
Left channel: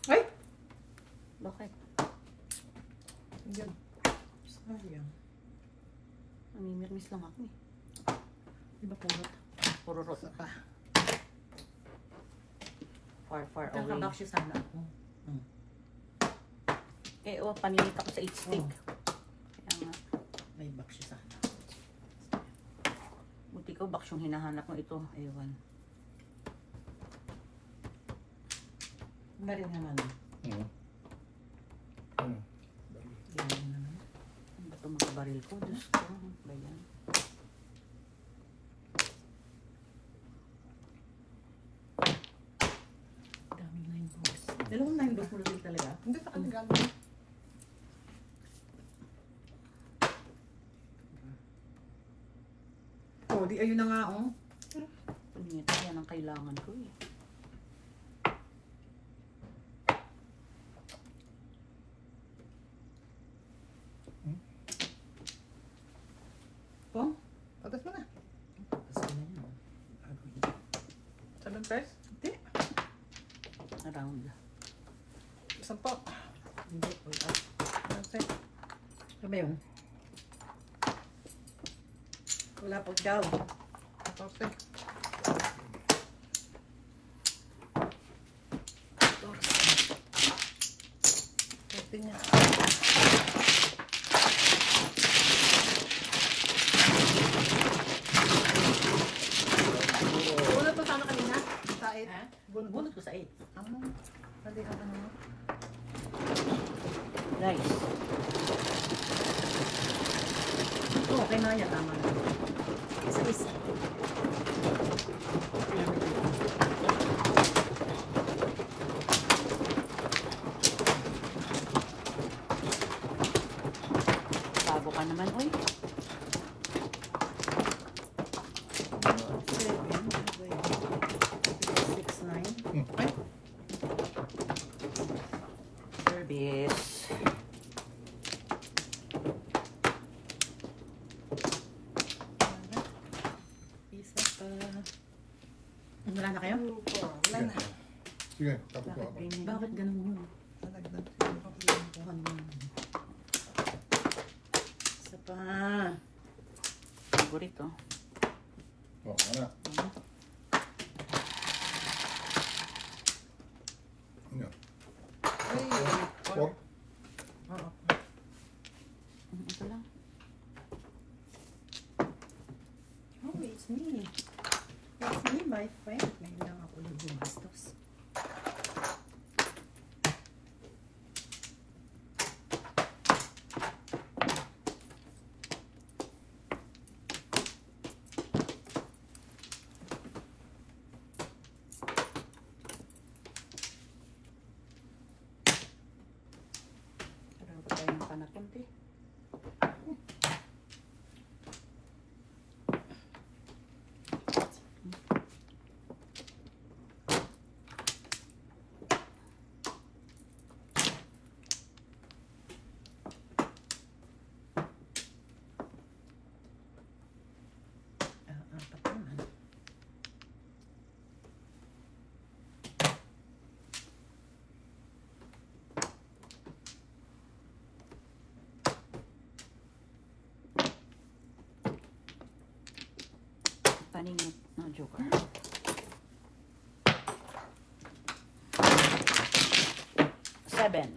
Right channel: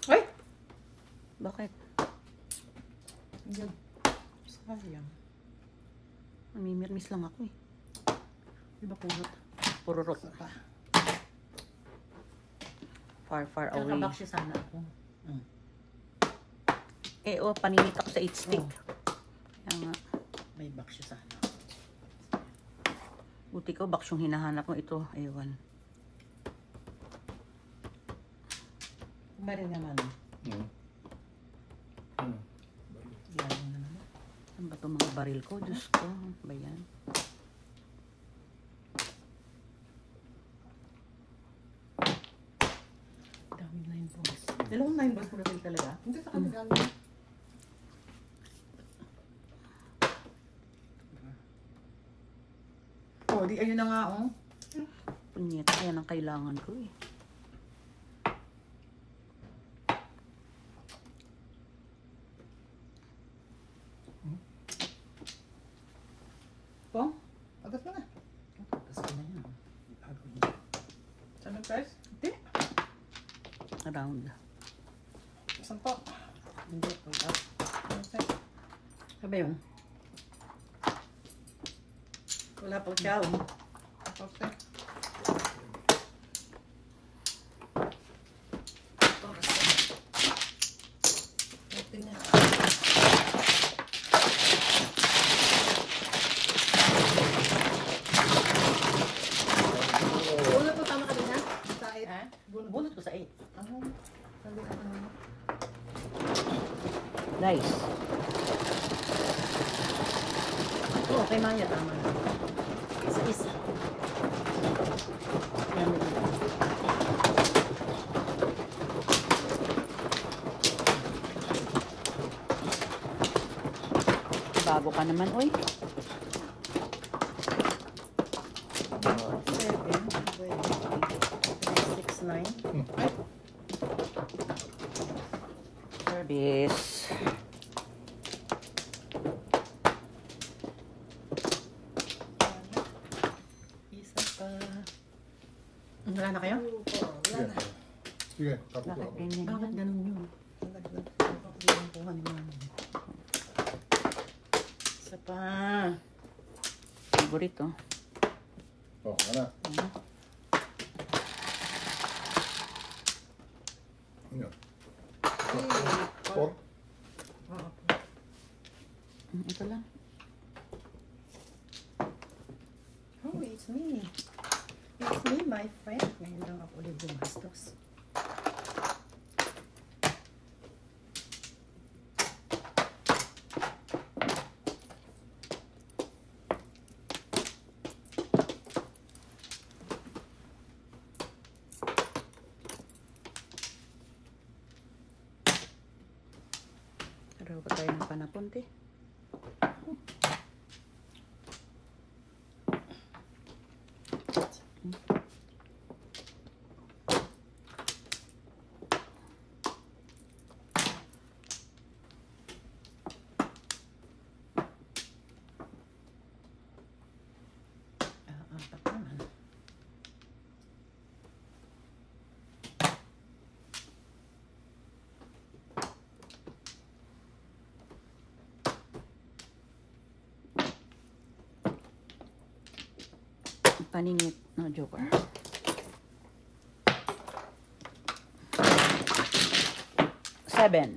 Ay! Bakit? Hindi. Sayang. Namimirmis lang ako eh. Di ba puro? Puro rock. Pa. Far, far away. Kakabak siya sana ako. Eh, oh, paninit ako sa 8 stick. Kaya nga. May back siya sana. Buti ko, box yung hinahanap mo ito. Ewan. Ba rin naman. Hmm. Hmm. Yan naman. Ano ba itong mga baril ko? Diyos ko. Ano ba yan? Daming 9 balls. Dalawang 9 balls mo na din talaga. Hindi sa kanila. Oh, di ayun na nga, oh. Punyet, yan ang kailangan ko eh. Oh, Atas mo na. kasi na yan. Gagawin. Salang price? Around. Isang pa. Hindi, wait up. Ano sa'yo? Ano ba yun? Wala po siya, oh. Okay. Bunot mo sana kanina? Sa 8. Ha? Bunot ko sa 8. Sabi ka kanina. Nice. Oo, kay Maya, tama. Isa-isa. Bago ka naman, oy. Ano, 7, 6, 9. Service. Isa pa. Wala na kayo? Wala na. Sige, tapos Bakit ako. ganyan? Bakit ganun yun? Nagdag. Kuha naman. Isa pa. Favorito. Oh, ano? Ano? Four? Oo. Ito lang. Oh, it's me. It's me, my friend. May lang ako ulit gumastos. Pero ba tayo ng panapunti? Apat naman. Paningit. No, joker. Seven.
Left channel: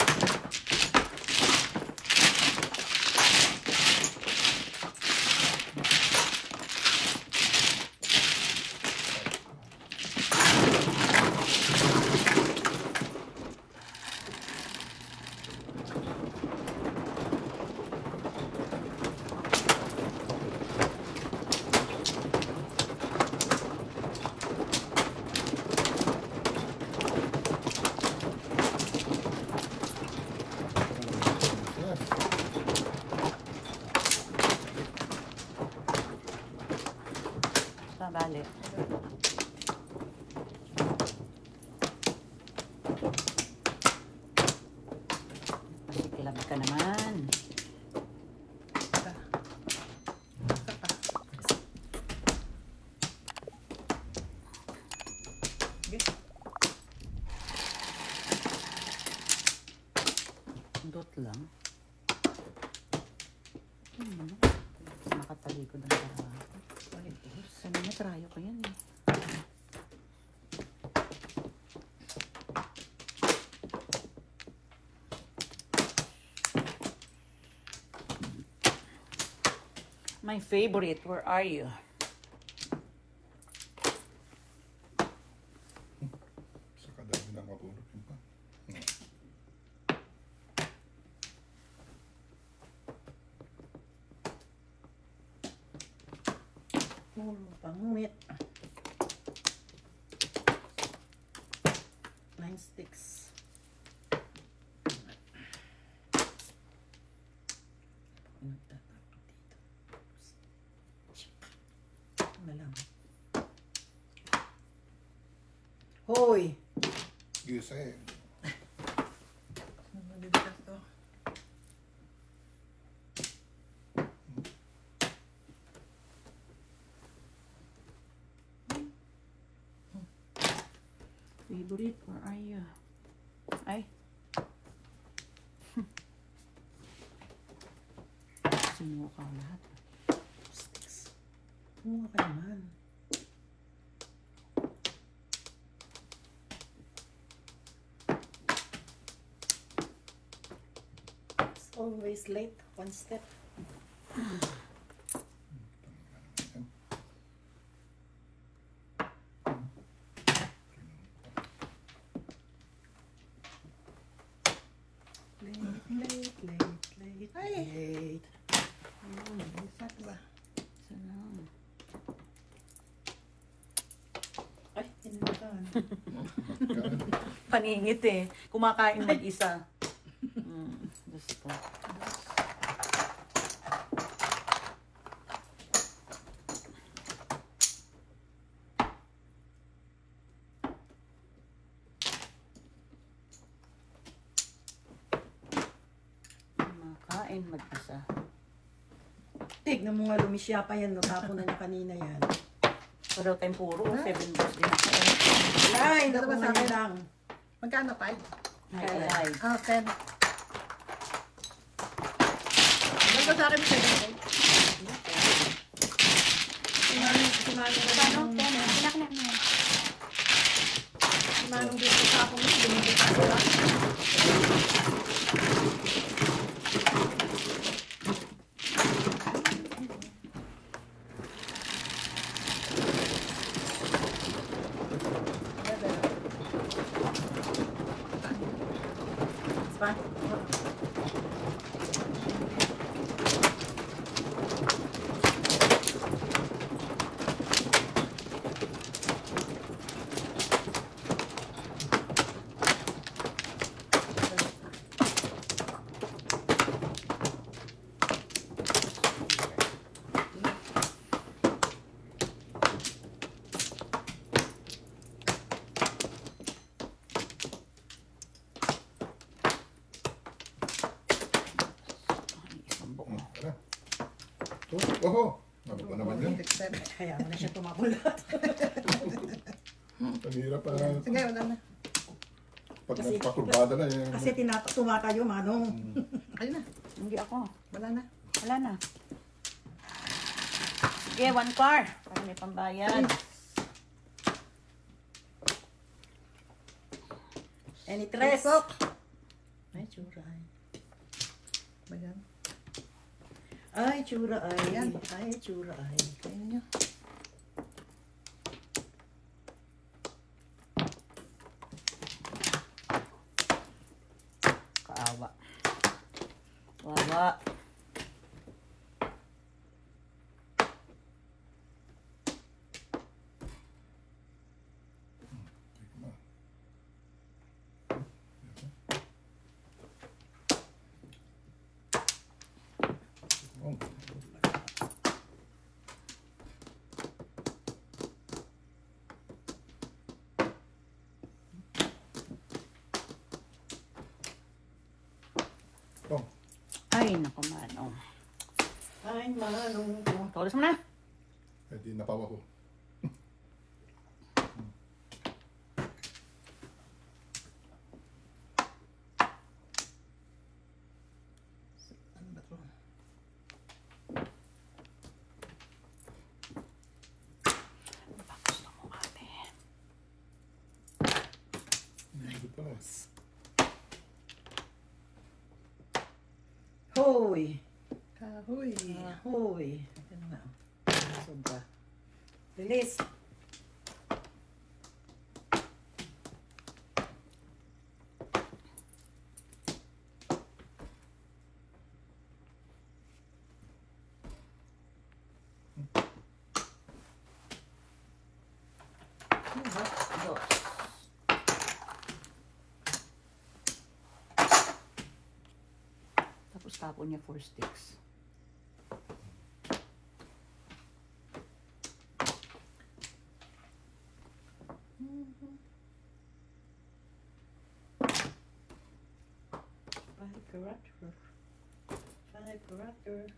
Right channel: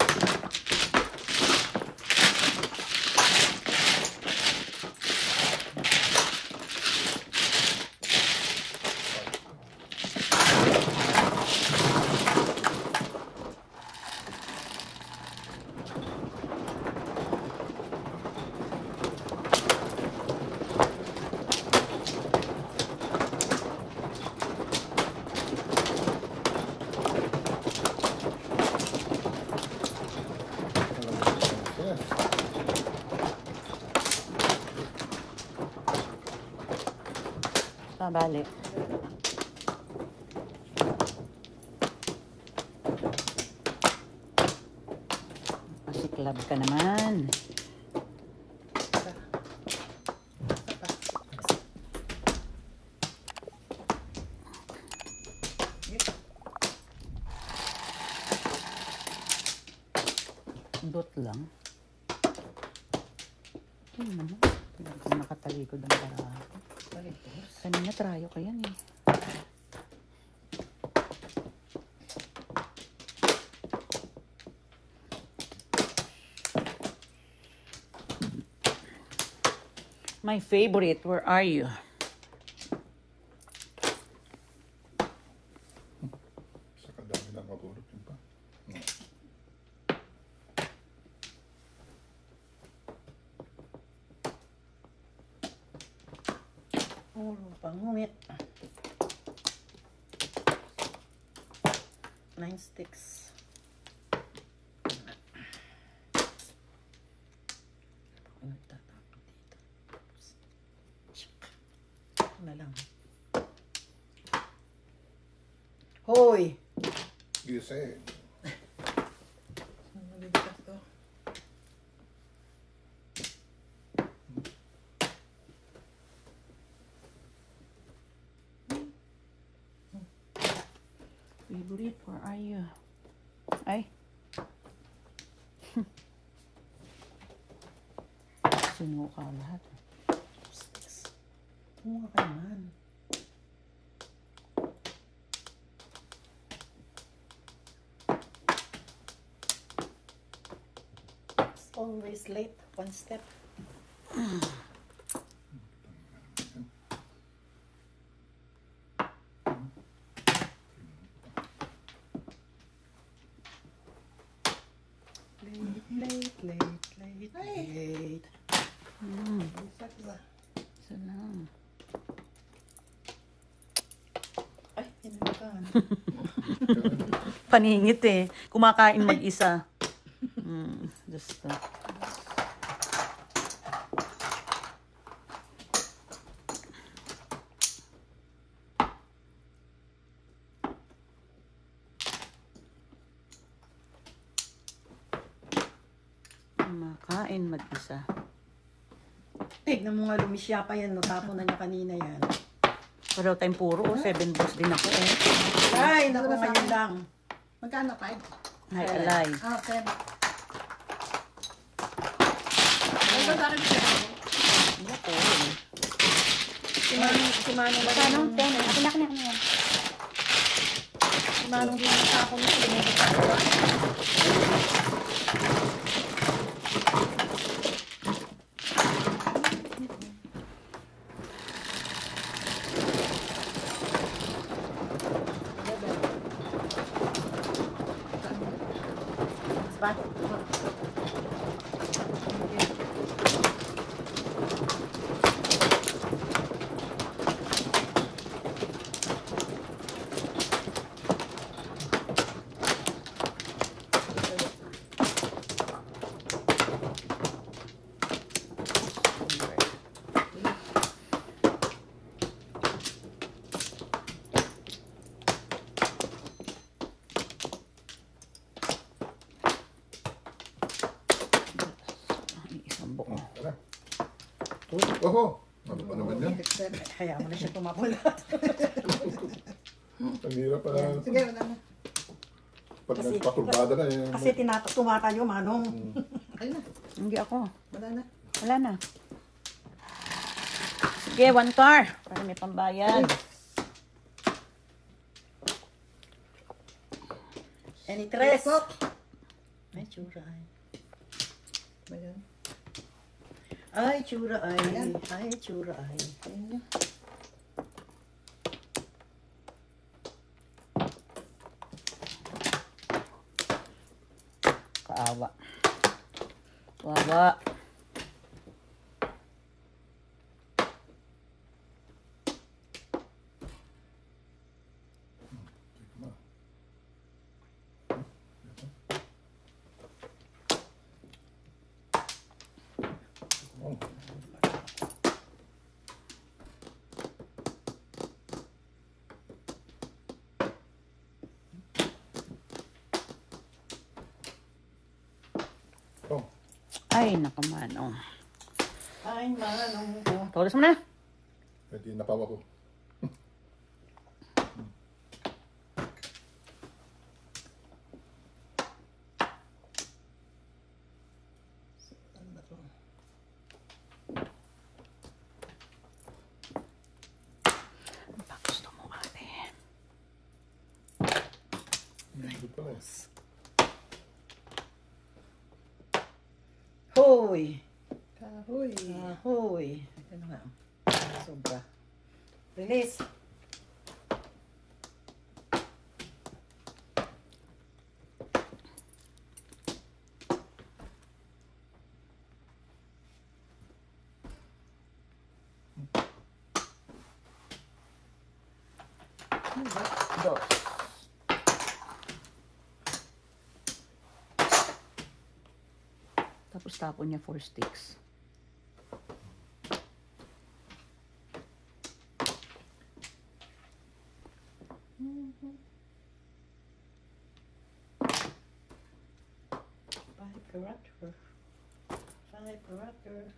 Bale. Pasiklab ka naman. Dot lang. Kung nakatalikod ang para. Kanina trayo ko yan eh. My favorite, where are you? Sa kadami na mapulot yun pa. Puro pangungit. 9 sticks. Ako nagtatapon dito. Check. Ito na lang. Hoy! Gise. Bibigat to. Favorite, where are you? Ay. Sinukaw lahat. Sticks. Kumuha ka naman. It's always late. One step. Late. Late. Isa ba? Salam. Ay, tinulokan. Paningit eh. Kumakain mag-isa. Just kumakain mag-isa. Tignan mo nga, lumisya pa yan. Natapon na niya kanina yan. Pero tayong puro. 7 balls din ako eh. Ay, naku, ngayon lang. Magkano pa? Hi, alay. Okay. Ano ba sa akin siya? Si Manong ba? Paano po? Kulak na ano yan? Si Manong ba? Sa ako mo siya. Spot. Isang buo. Oho! Ano ba naman yan? Hayaan mo na siya tumapulat. Ang hirap pala. Sige, wala na. Pag nagpakurbada na yun. Kasi tumatayo, Manong. Ayun na. Hindi ako. Wala na. Wala na. Sige, 1 car. Para may pambayad. Any tres? Ay, tsura. Ayan. Ay, tsura ay. Ayan. Ay, tsura ay. Ayun. Kaawa. Wawa. Oh. Ay, nakamanong. Ay, manong. Oh, todas mo na. Eh, di napawa ko. Ano na to? Ano ba gusto mo, ate? Hindi pala eh. Hoy! Kahoy! Hoy! Ito na nga. Sobra. Release! Dos. Tapos tapon niya 4 sticks. Firecracker. Firecracker.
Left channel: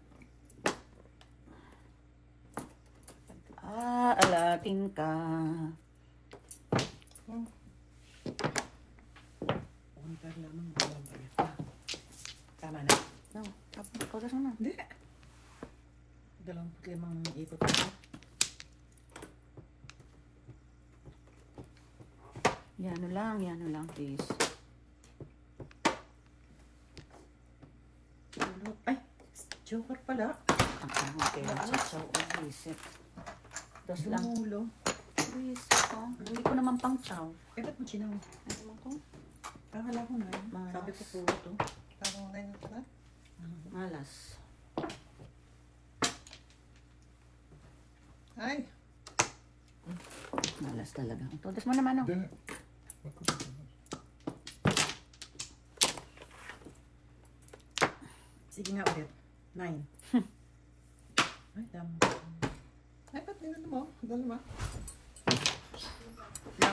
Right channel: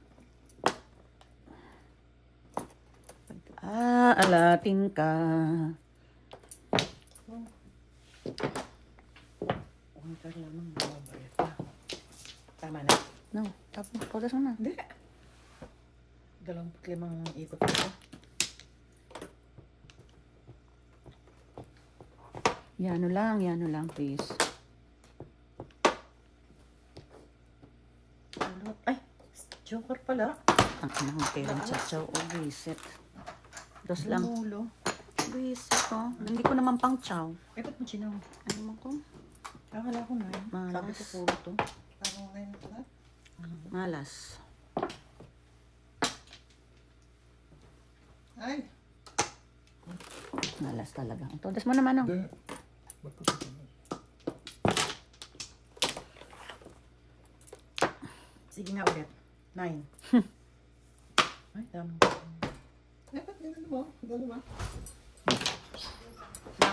Alatin ka. Untar lamang mababayad pa. Tama na. No, tapos todas mo na. Hindi. 25 ikot ito. Yano lang, please. Ay! Joker pala. Okay, so visit. Dos lang. Ulo. Visit ko. Hindi ko naman pang chow. Ay, ba't mo sinaw? Ano mo ko? Akala ko na. Malas. Sabi ko puro to. Parang mga ganyan pala. Malas. Ay! Malas talaga. Todas mo naman, oh. Hindi. Ba't ko ito? Sige nga ulit. 9. Ay, dami. Ay, ba't din mo? Dalawa.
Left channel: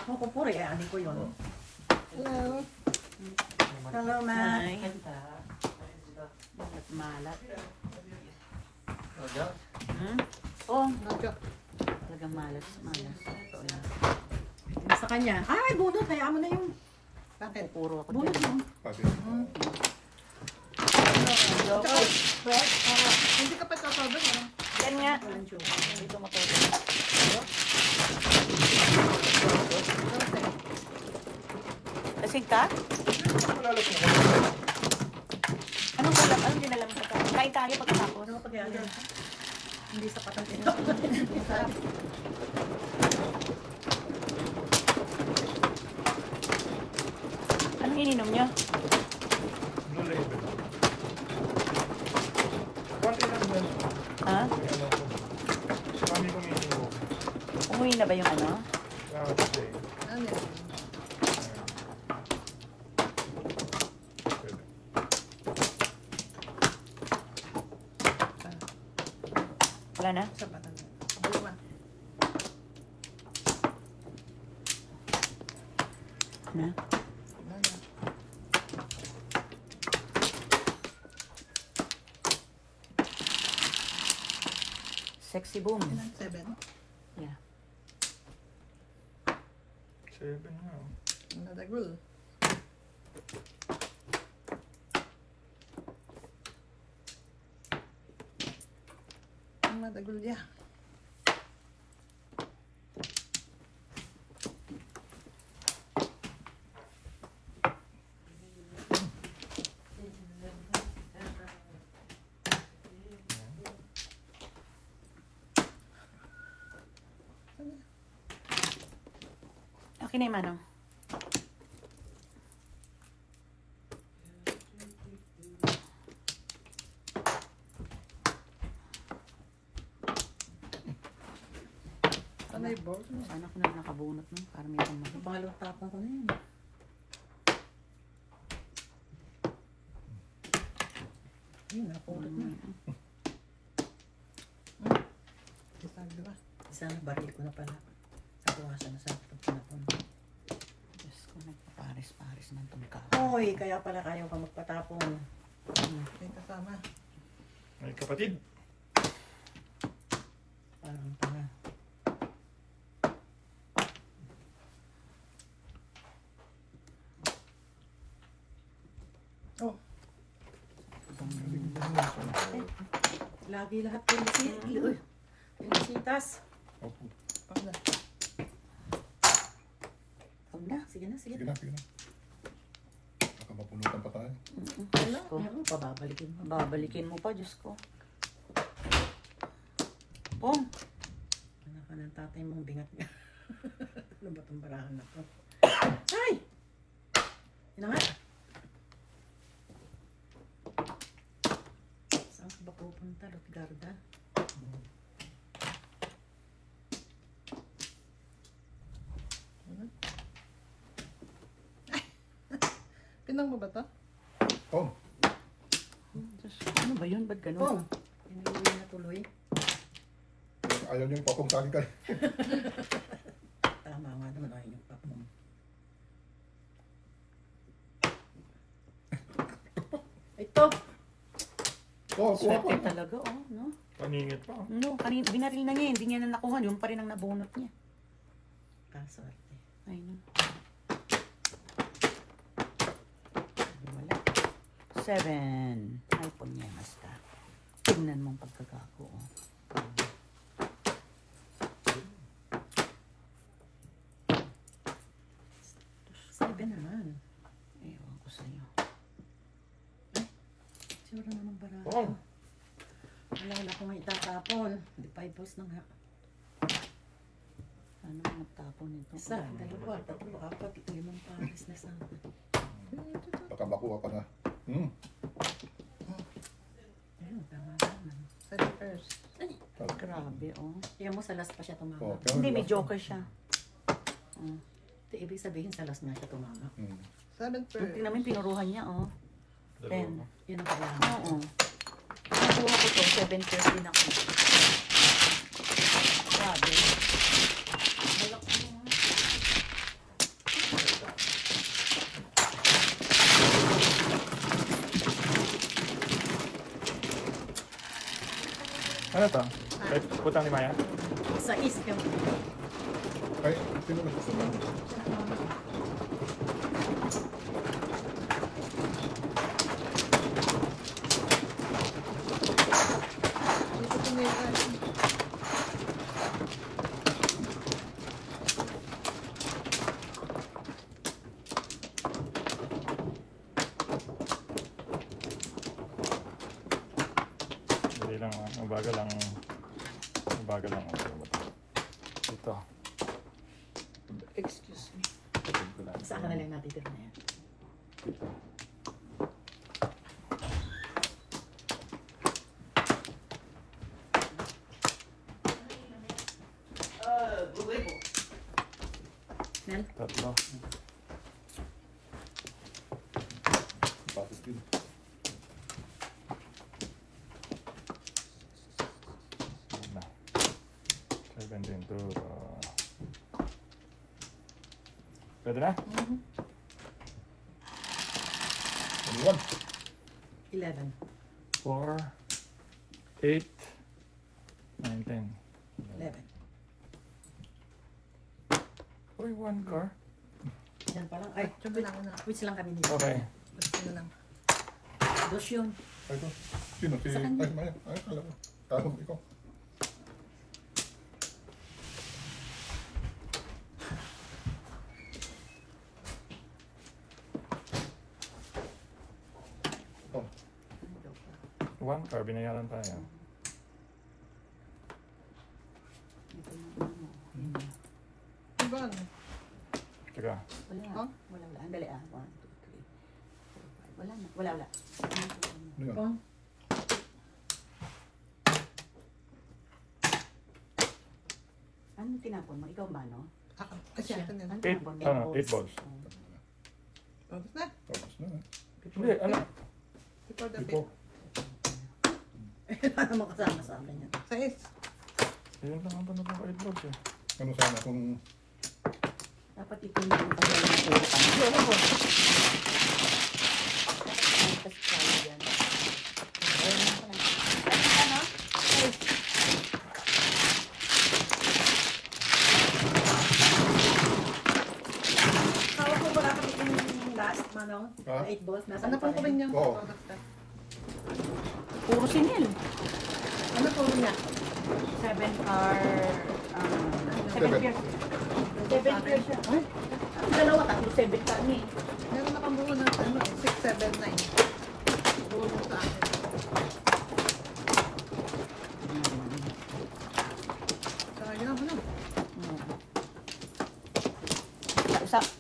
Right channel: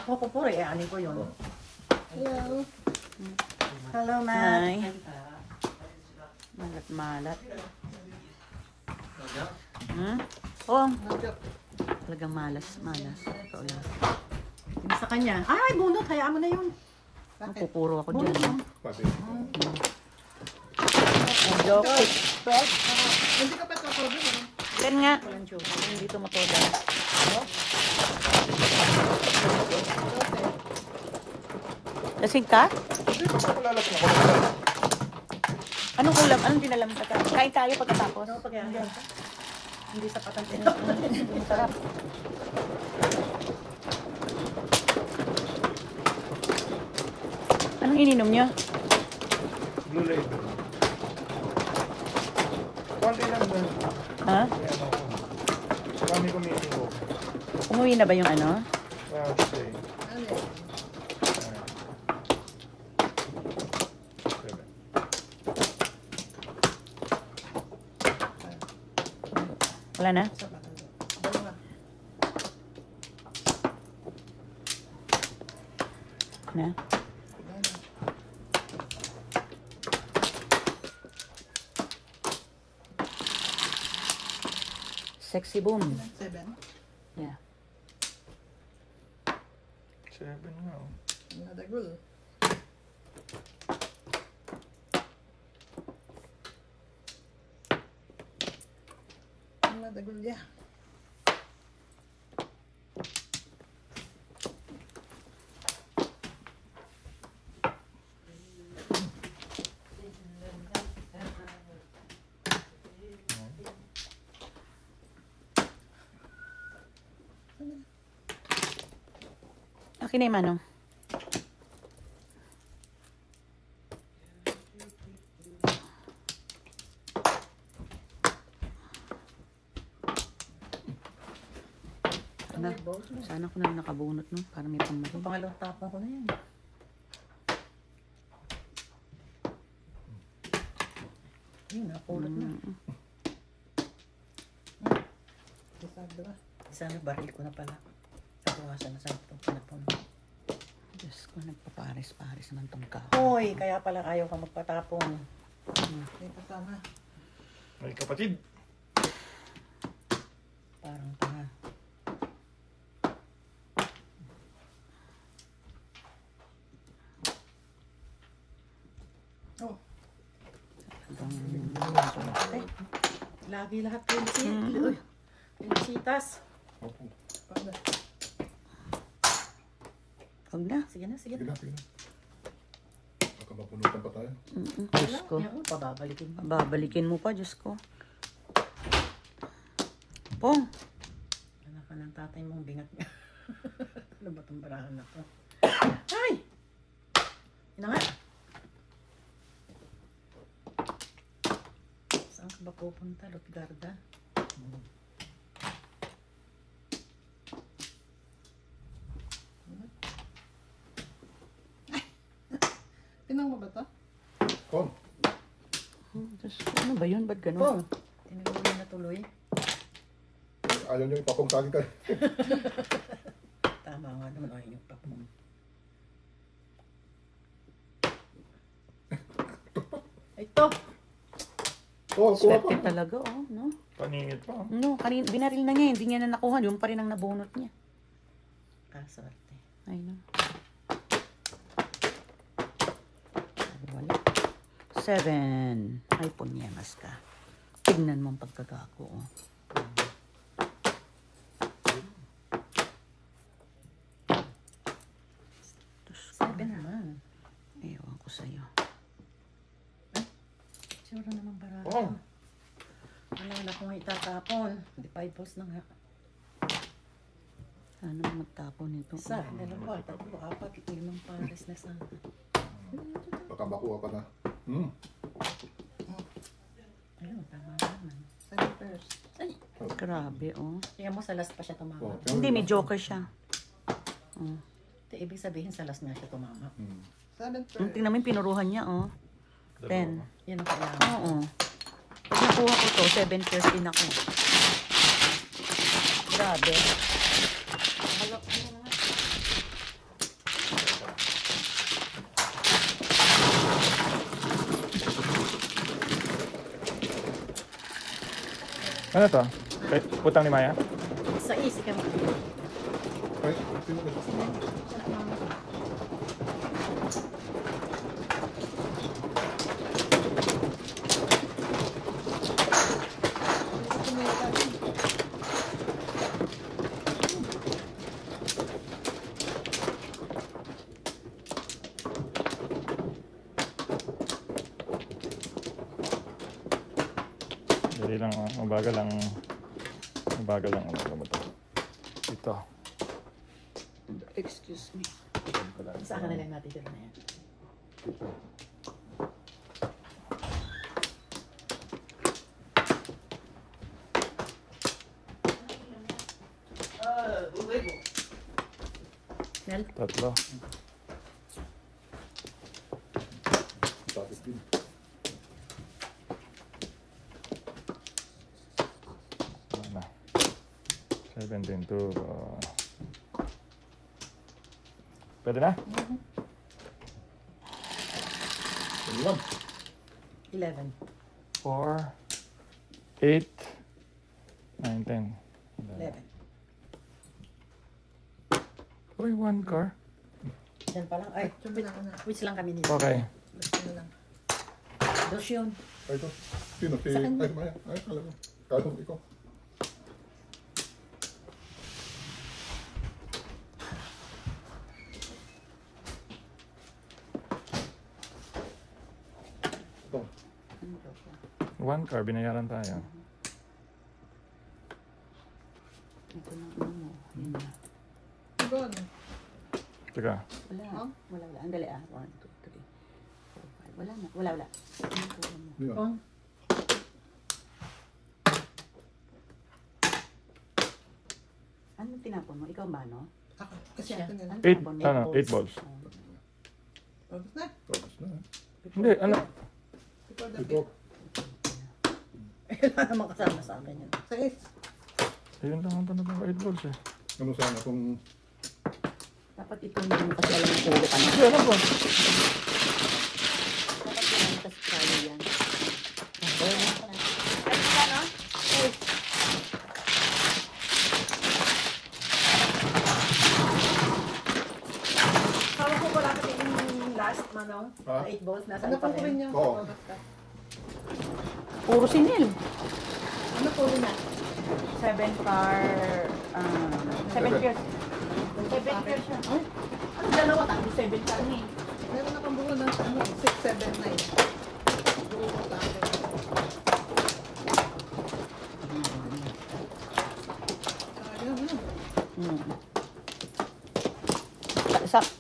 Ako ko puro eh. Ani ko yun. Hello. Hello, Matt. Hi. Malat. Hmm? Oh, talagang malas. Ito lang. Yung sa kanya. Ay, bunot. Hayaan mo na yun. Ang pupuro ako dyan. Bunot. Pati. Hindi ka pa tatawag yun. Yan nga. Dito mo todo. Lasing ka? Anong ulam? Anong tinalam ka? Kain tayo pagkatapos. Ano pag yan? Hindi sapat ang tinapos. Ang sarap. Anong ininom niyo? Blue Label. Konti lang na. Ha? Marami kumili ko. Umuwi na ba yung ano? Okay. Ano? Wala na? Sapat ang dalawa. Na? Sexy boom. 7. Yeah. 7 nga. Oh. Another rule. Another rule, yeah. Okay na yung manong. Sana ko na nakabunot, no? Para may pamarin. Pangalawang tapong ko na yan. Yun na, ulit na. Diba? Sana baril ko na pala. Bawasan na sa itong panapon. Diyos ko, nagpaparis-paris ng tungka. Hoy, kaya pala ayaw ka magpatapong. May kasama. Ay, kapatid. Parang tanga. Oh. Ay, lagi lahat kasi. Pinasitas. Opo. Huwag na. Sige na, sige Sige na. na, sige na. Baka mapunutan pa tayo. Diyos ko. Yan, pababalikin. Babalikin mo pa, Diyos ko. Pong. Anak ka ng tatay mong bingat niya. Ano ba itong barahan na to? Ay! Yun na nga. Saan ka ba pupunta, Lutgarda? Tinang ko ba to? Oh, Diyos ko. Ano ba yun? Ba't Oh! gano'n? Tinuloy na tuloy. ayaw niyo ipapong sa akin kayo. Tama nga naman, ay yung pap mo. Ito! Oh, kuha Swerte pa. talaga, oh. No? Paningit pa. No, binaril na niya. Hindi niya na nakuha. Doon pa rin ang nabunot niya. Ah, swerte. Ay, no. 7. Ay, punyangas ka. Tingnan mo ang pagkakako. Seven naman. Ewan ko sa'yo. Sure naman barato. Oh. Ayaw na kung itatapon. Hindi pa i-post na nga. Ano magtapon nito? Isa, dalawa, tatlo, apat, limang pares na sana. Baka makuha ka na. Ayun, tama naman. Grabe, oh. Tingnan mo sa last pa siya tumama. Oh, Hindi, may joker siya. Ito, ibig sabihin sa last na siya tumama. Tingnan mo yung pinuruhan niya, oh. 10. Yan ang kailangan. Oo. Pag nakuha ko ito, 7 din ako. Grabe. Balak mo nga. Ano to? Putang ni Maya? Isa, easy ka mo. Ay, sino ka sa Dali lang, mabagal lang. Mabagal lang ang gamot. Ito. Excuse me. Saan ka na lang natin dito na yan? Mel? Tatlo. Bakit din? Wala. 7.22. Pwede na? 11. 4, 8, 9, 10. 11. Uy, 1 car. Yan pa lang. Ay, which lang kami nito. Okay. Dos yun. Ay, ito. Sino? Si... Saan? Ay, Maya. Ay, alam mo. Kano, ikaw. Ito. 1 car, binayaran tayo. Teka. Wala. Wala. Ang dali, ah. 1, 2, 3, 4, 5. Wala na. Wala. Hindi na. Oh. Anong tinapon mo? Ikaw ba, no? Ako. Kasi, Kasi, ano 8, tinapon mo? ano, 8 balls. Tapos na. Hindi, ano, Ito. wala naman kasama sa akin yun. yun lang ang tanong ng 8 balls eh. Ano sana kung... Dapat ito yung kasi alam mo puro ka na. Dapat yun kasi kaya yan. Ha? Na 8 balls, nasa Ano pa po rin rin. yung Oo. product ka? Puro sinil. Ano po rin na? 7 car, 7 years. 7 years siya. Huh? Ang dalawa, tatlo 7 car eh. Meron akong buo ng 6, 7, 9. Buo mo sa akin. Sayang, ano?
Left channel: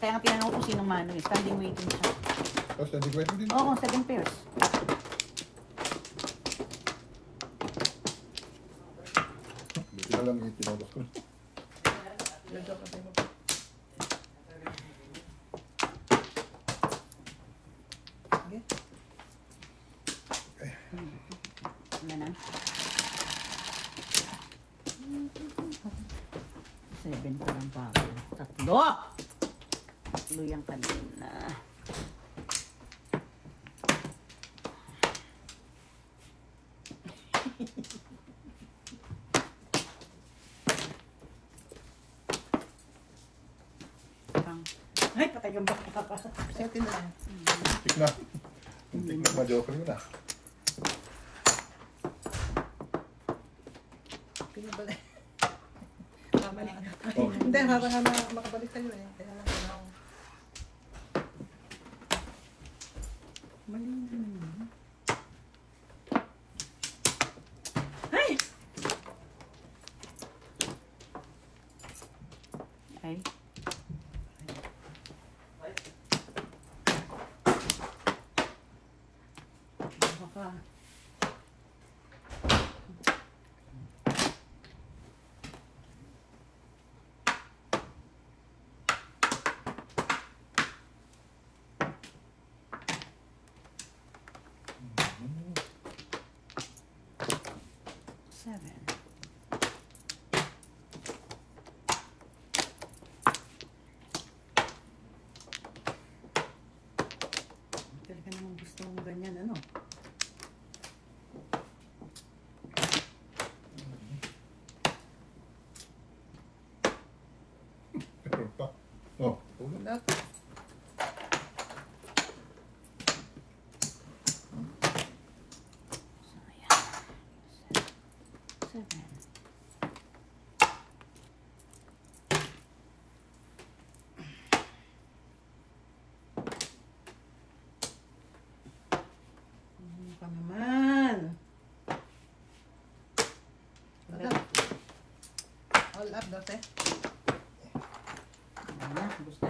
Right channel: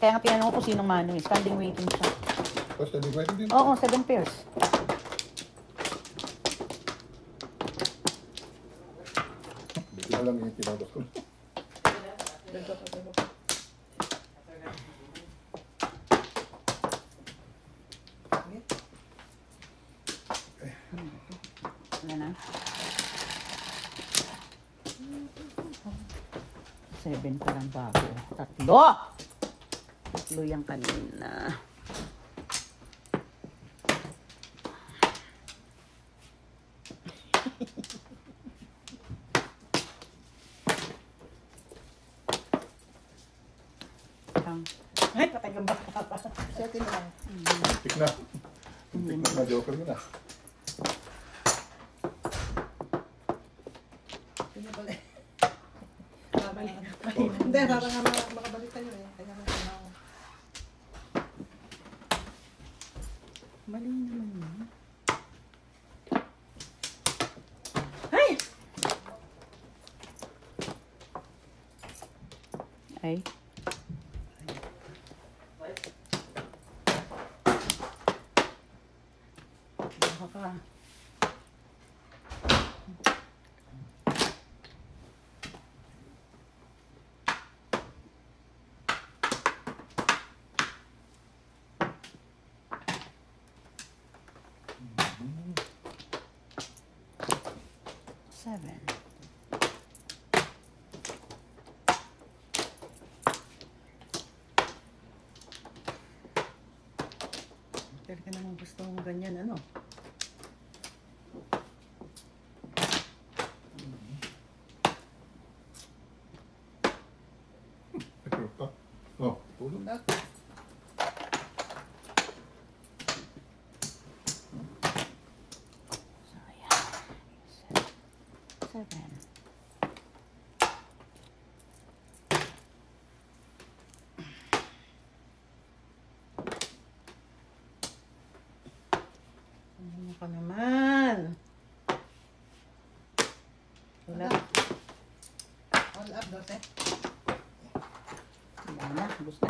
Kaya nga pinanong ko kung sinong mano eh. Standing waiting siya. Tapos hindi pwede din. Oo, 7 pairs. Hindi ko alam yung tinabas ko. Dagdag ka mo. Ano na? 7 pa lang ba ako? Tatlo! Tatlo yung kanina. Ay, patay yung baka. Second na. Tik na. Tik na ba joker ko na. Pinabalik. Hindi, makabalik kayo eh. Kaya lang ako. Ay! Ay. Baka. Seven. Talaga naman gusto ko ganyan, ano? Pero pa. Oh, tulog na. So, ayan. 7. Ano ka naman? Wala. All up, dote. Wala, gusto.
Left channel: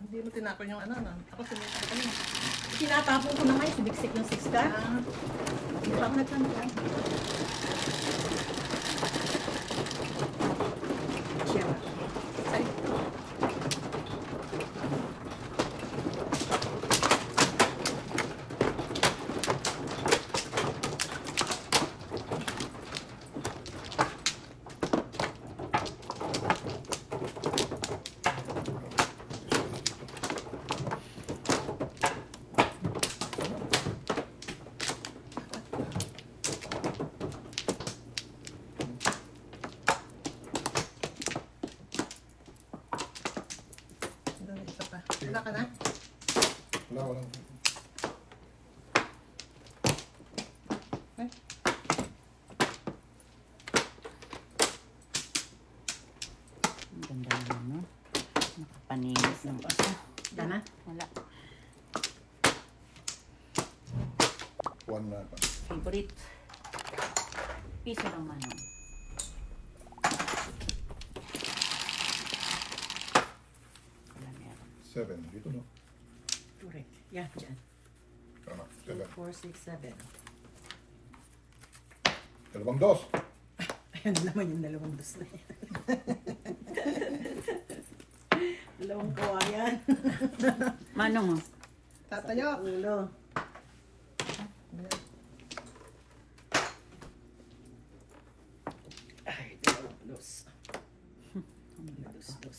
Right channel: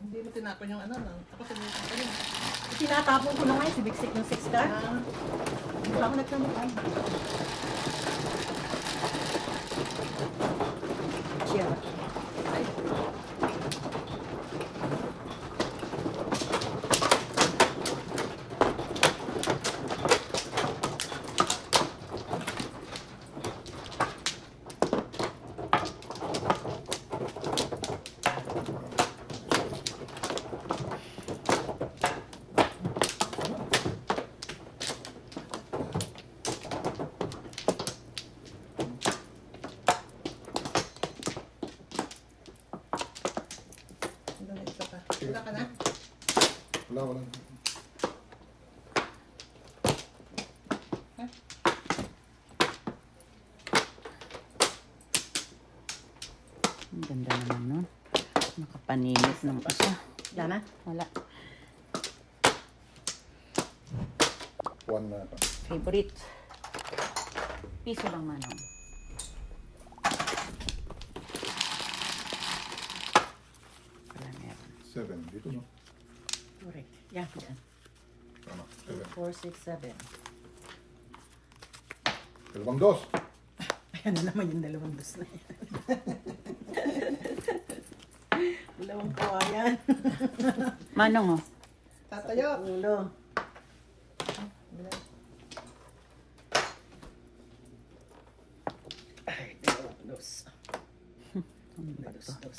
Hindi mo tinapon yung ano. Ako tinapon ko yun. Tinatapon ko na nga, sibiksik ng 6 card. Hindi ako nagtanong ay. Siya. Wala ka na? Wala, wala. Ang ganda naman nun. Nakapaninis ng isa. Yana? Wala. One na pa. Favorite. Piso lang manong. Wala na yan. 7. Dito no? Correct. Yan, yan. Tama. 7. 4, 6, 7. Dalawang dos. Ayan na naman yung dalawang dos na yan. Dalawang kawayan. Manong oh. Tatayo. Ulo. Ay, dalawang dos. Dos.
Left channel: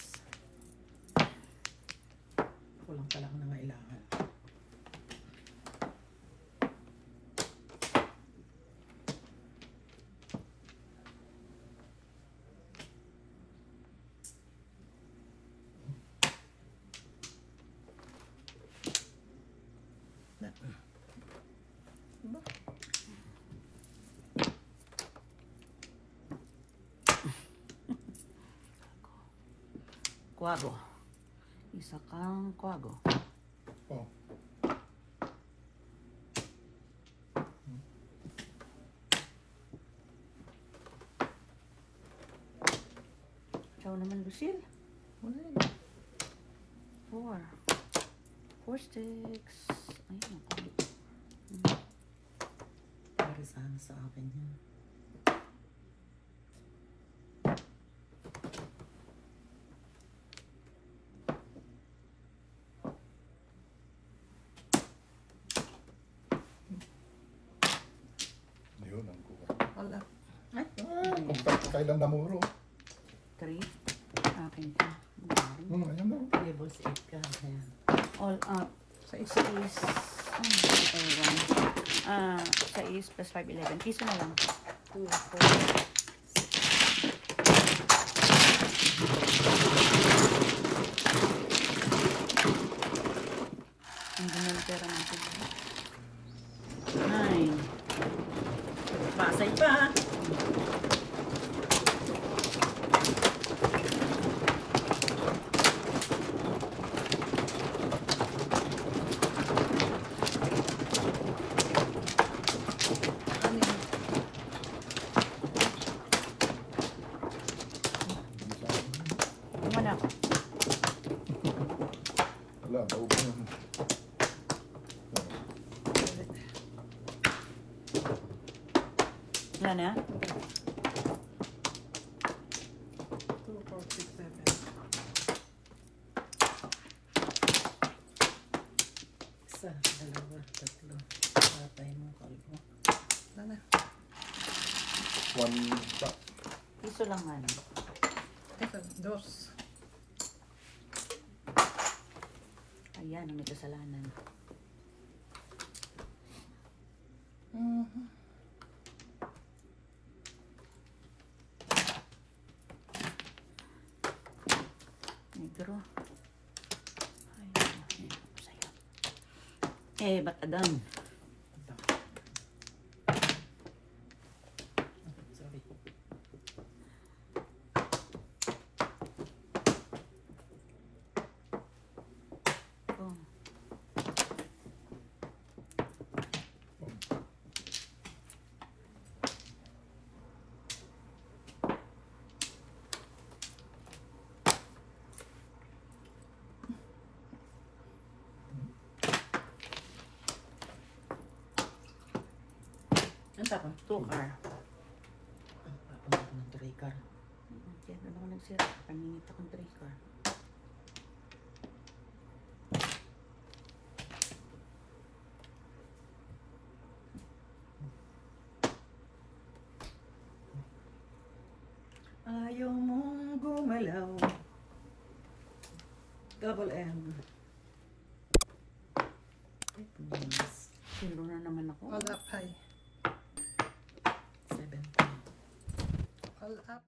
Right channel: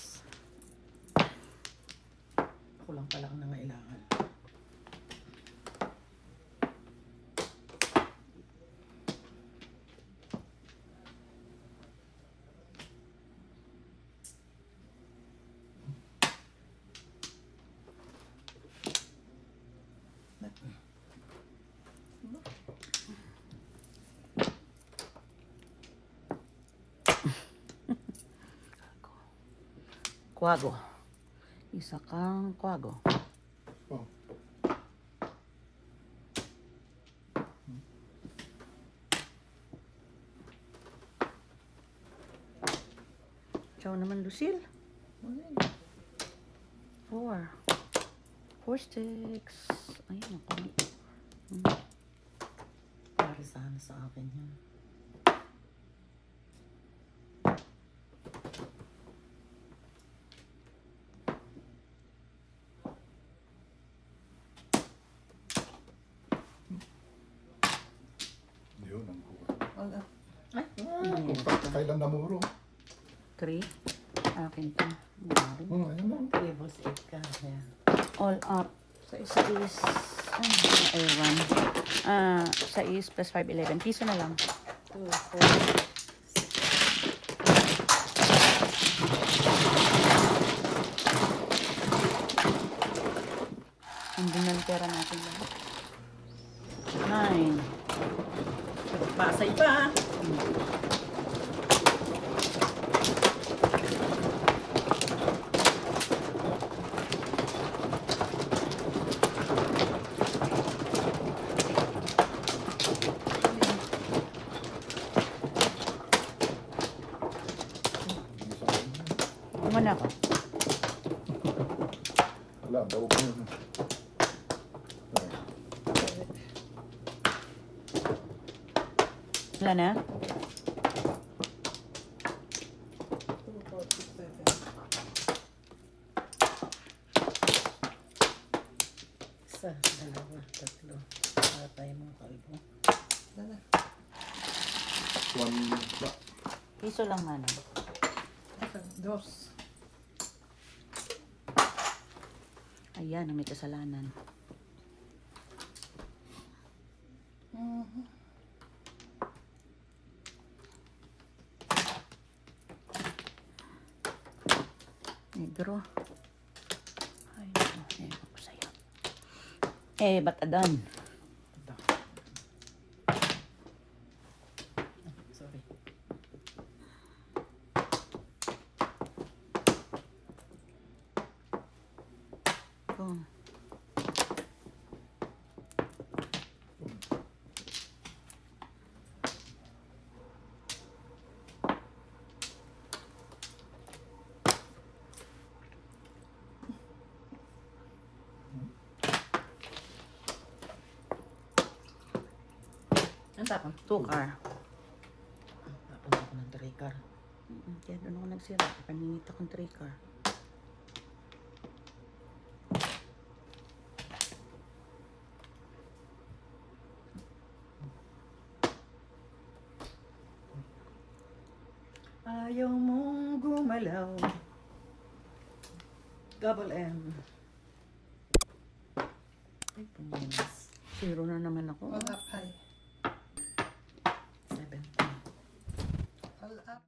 Kulang pala ako ng kailangan. Kwago. Isa kang kwago. Oh. Ciao naman, Lucille. 4. 4 sticks. Ay, naku. Para sana sa akin yan. Yun ang kuha. All up. Kailan namuro? 3. Akin to. Ayan na. Tables 8 ka. Kaya. All out. Sa isa is... Ayun. Sa is plus 5, 11. Piso na lang. 2, 4, 6. Andun na ang pera natin. 9. Masay pa. Kumana ako. Wala, daw. Wala na? 2, 4, 6, 7. Isa, dalawa, tatlo. Wala tayo mga kalbo. Ano? One ba? Piso lang nga. Ito, 2. Ayan, may kasalanan. Negro. Ay, naku, ako sa'yo. Batadan. Sorry. Oh. Ang tapang. 2 car. Tapang ako ng 3 car. Kaya ano ko nagsira? Paninit akong 3 car. Ayaw mong gumalaw. Double M. Ay, pumas. 0 na naman ako. All up high. 7. All up.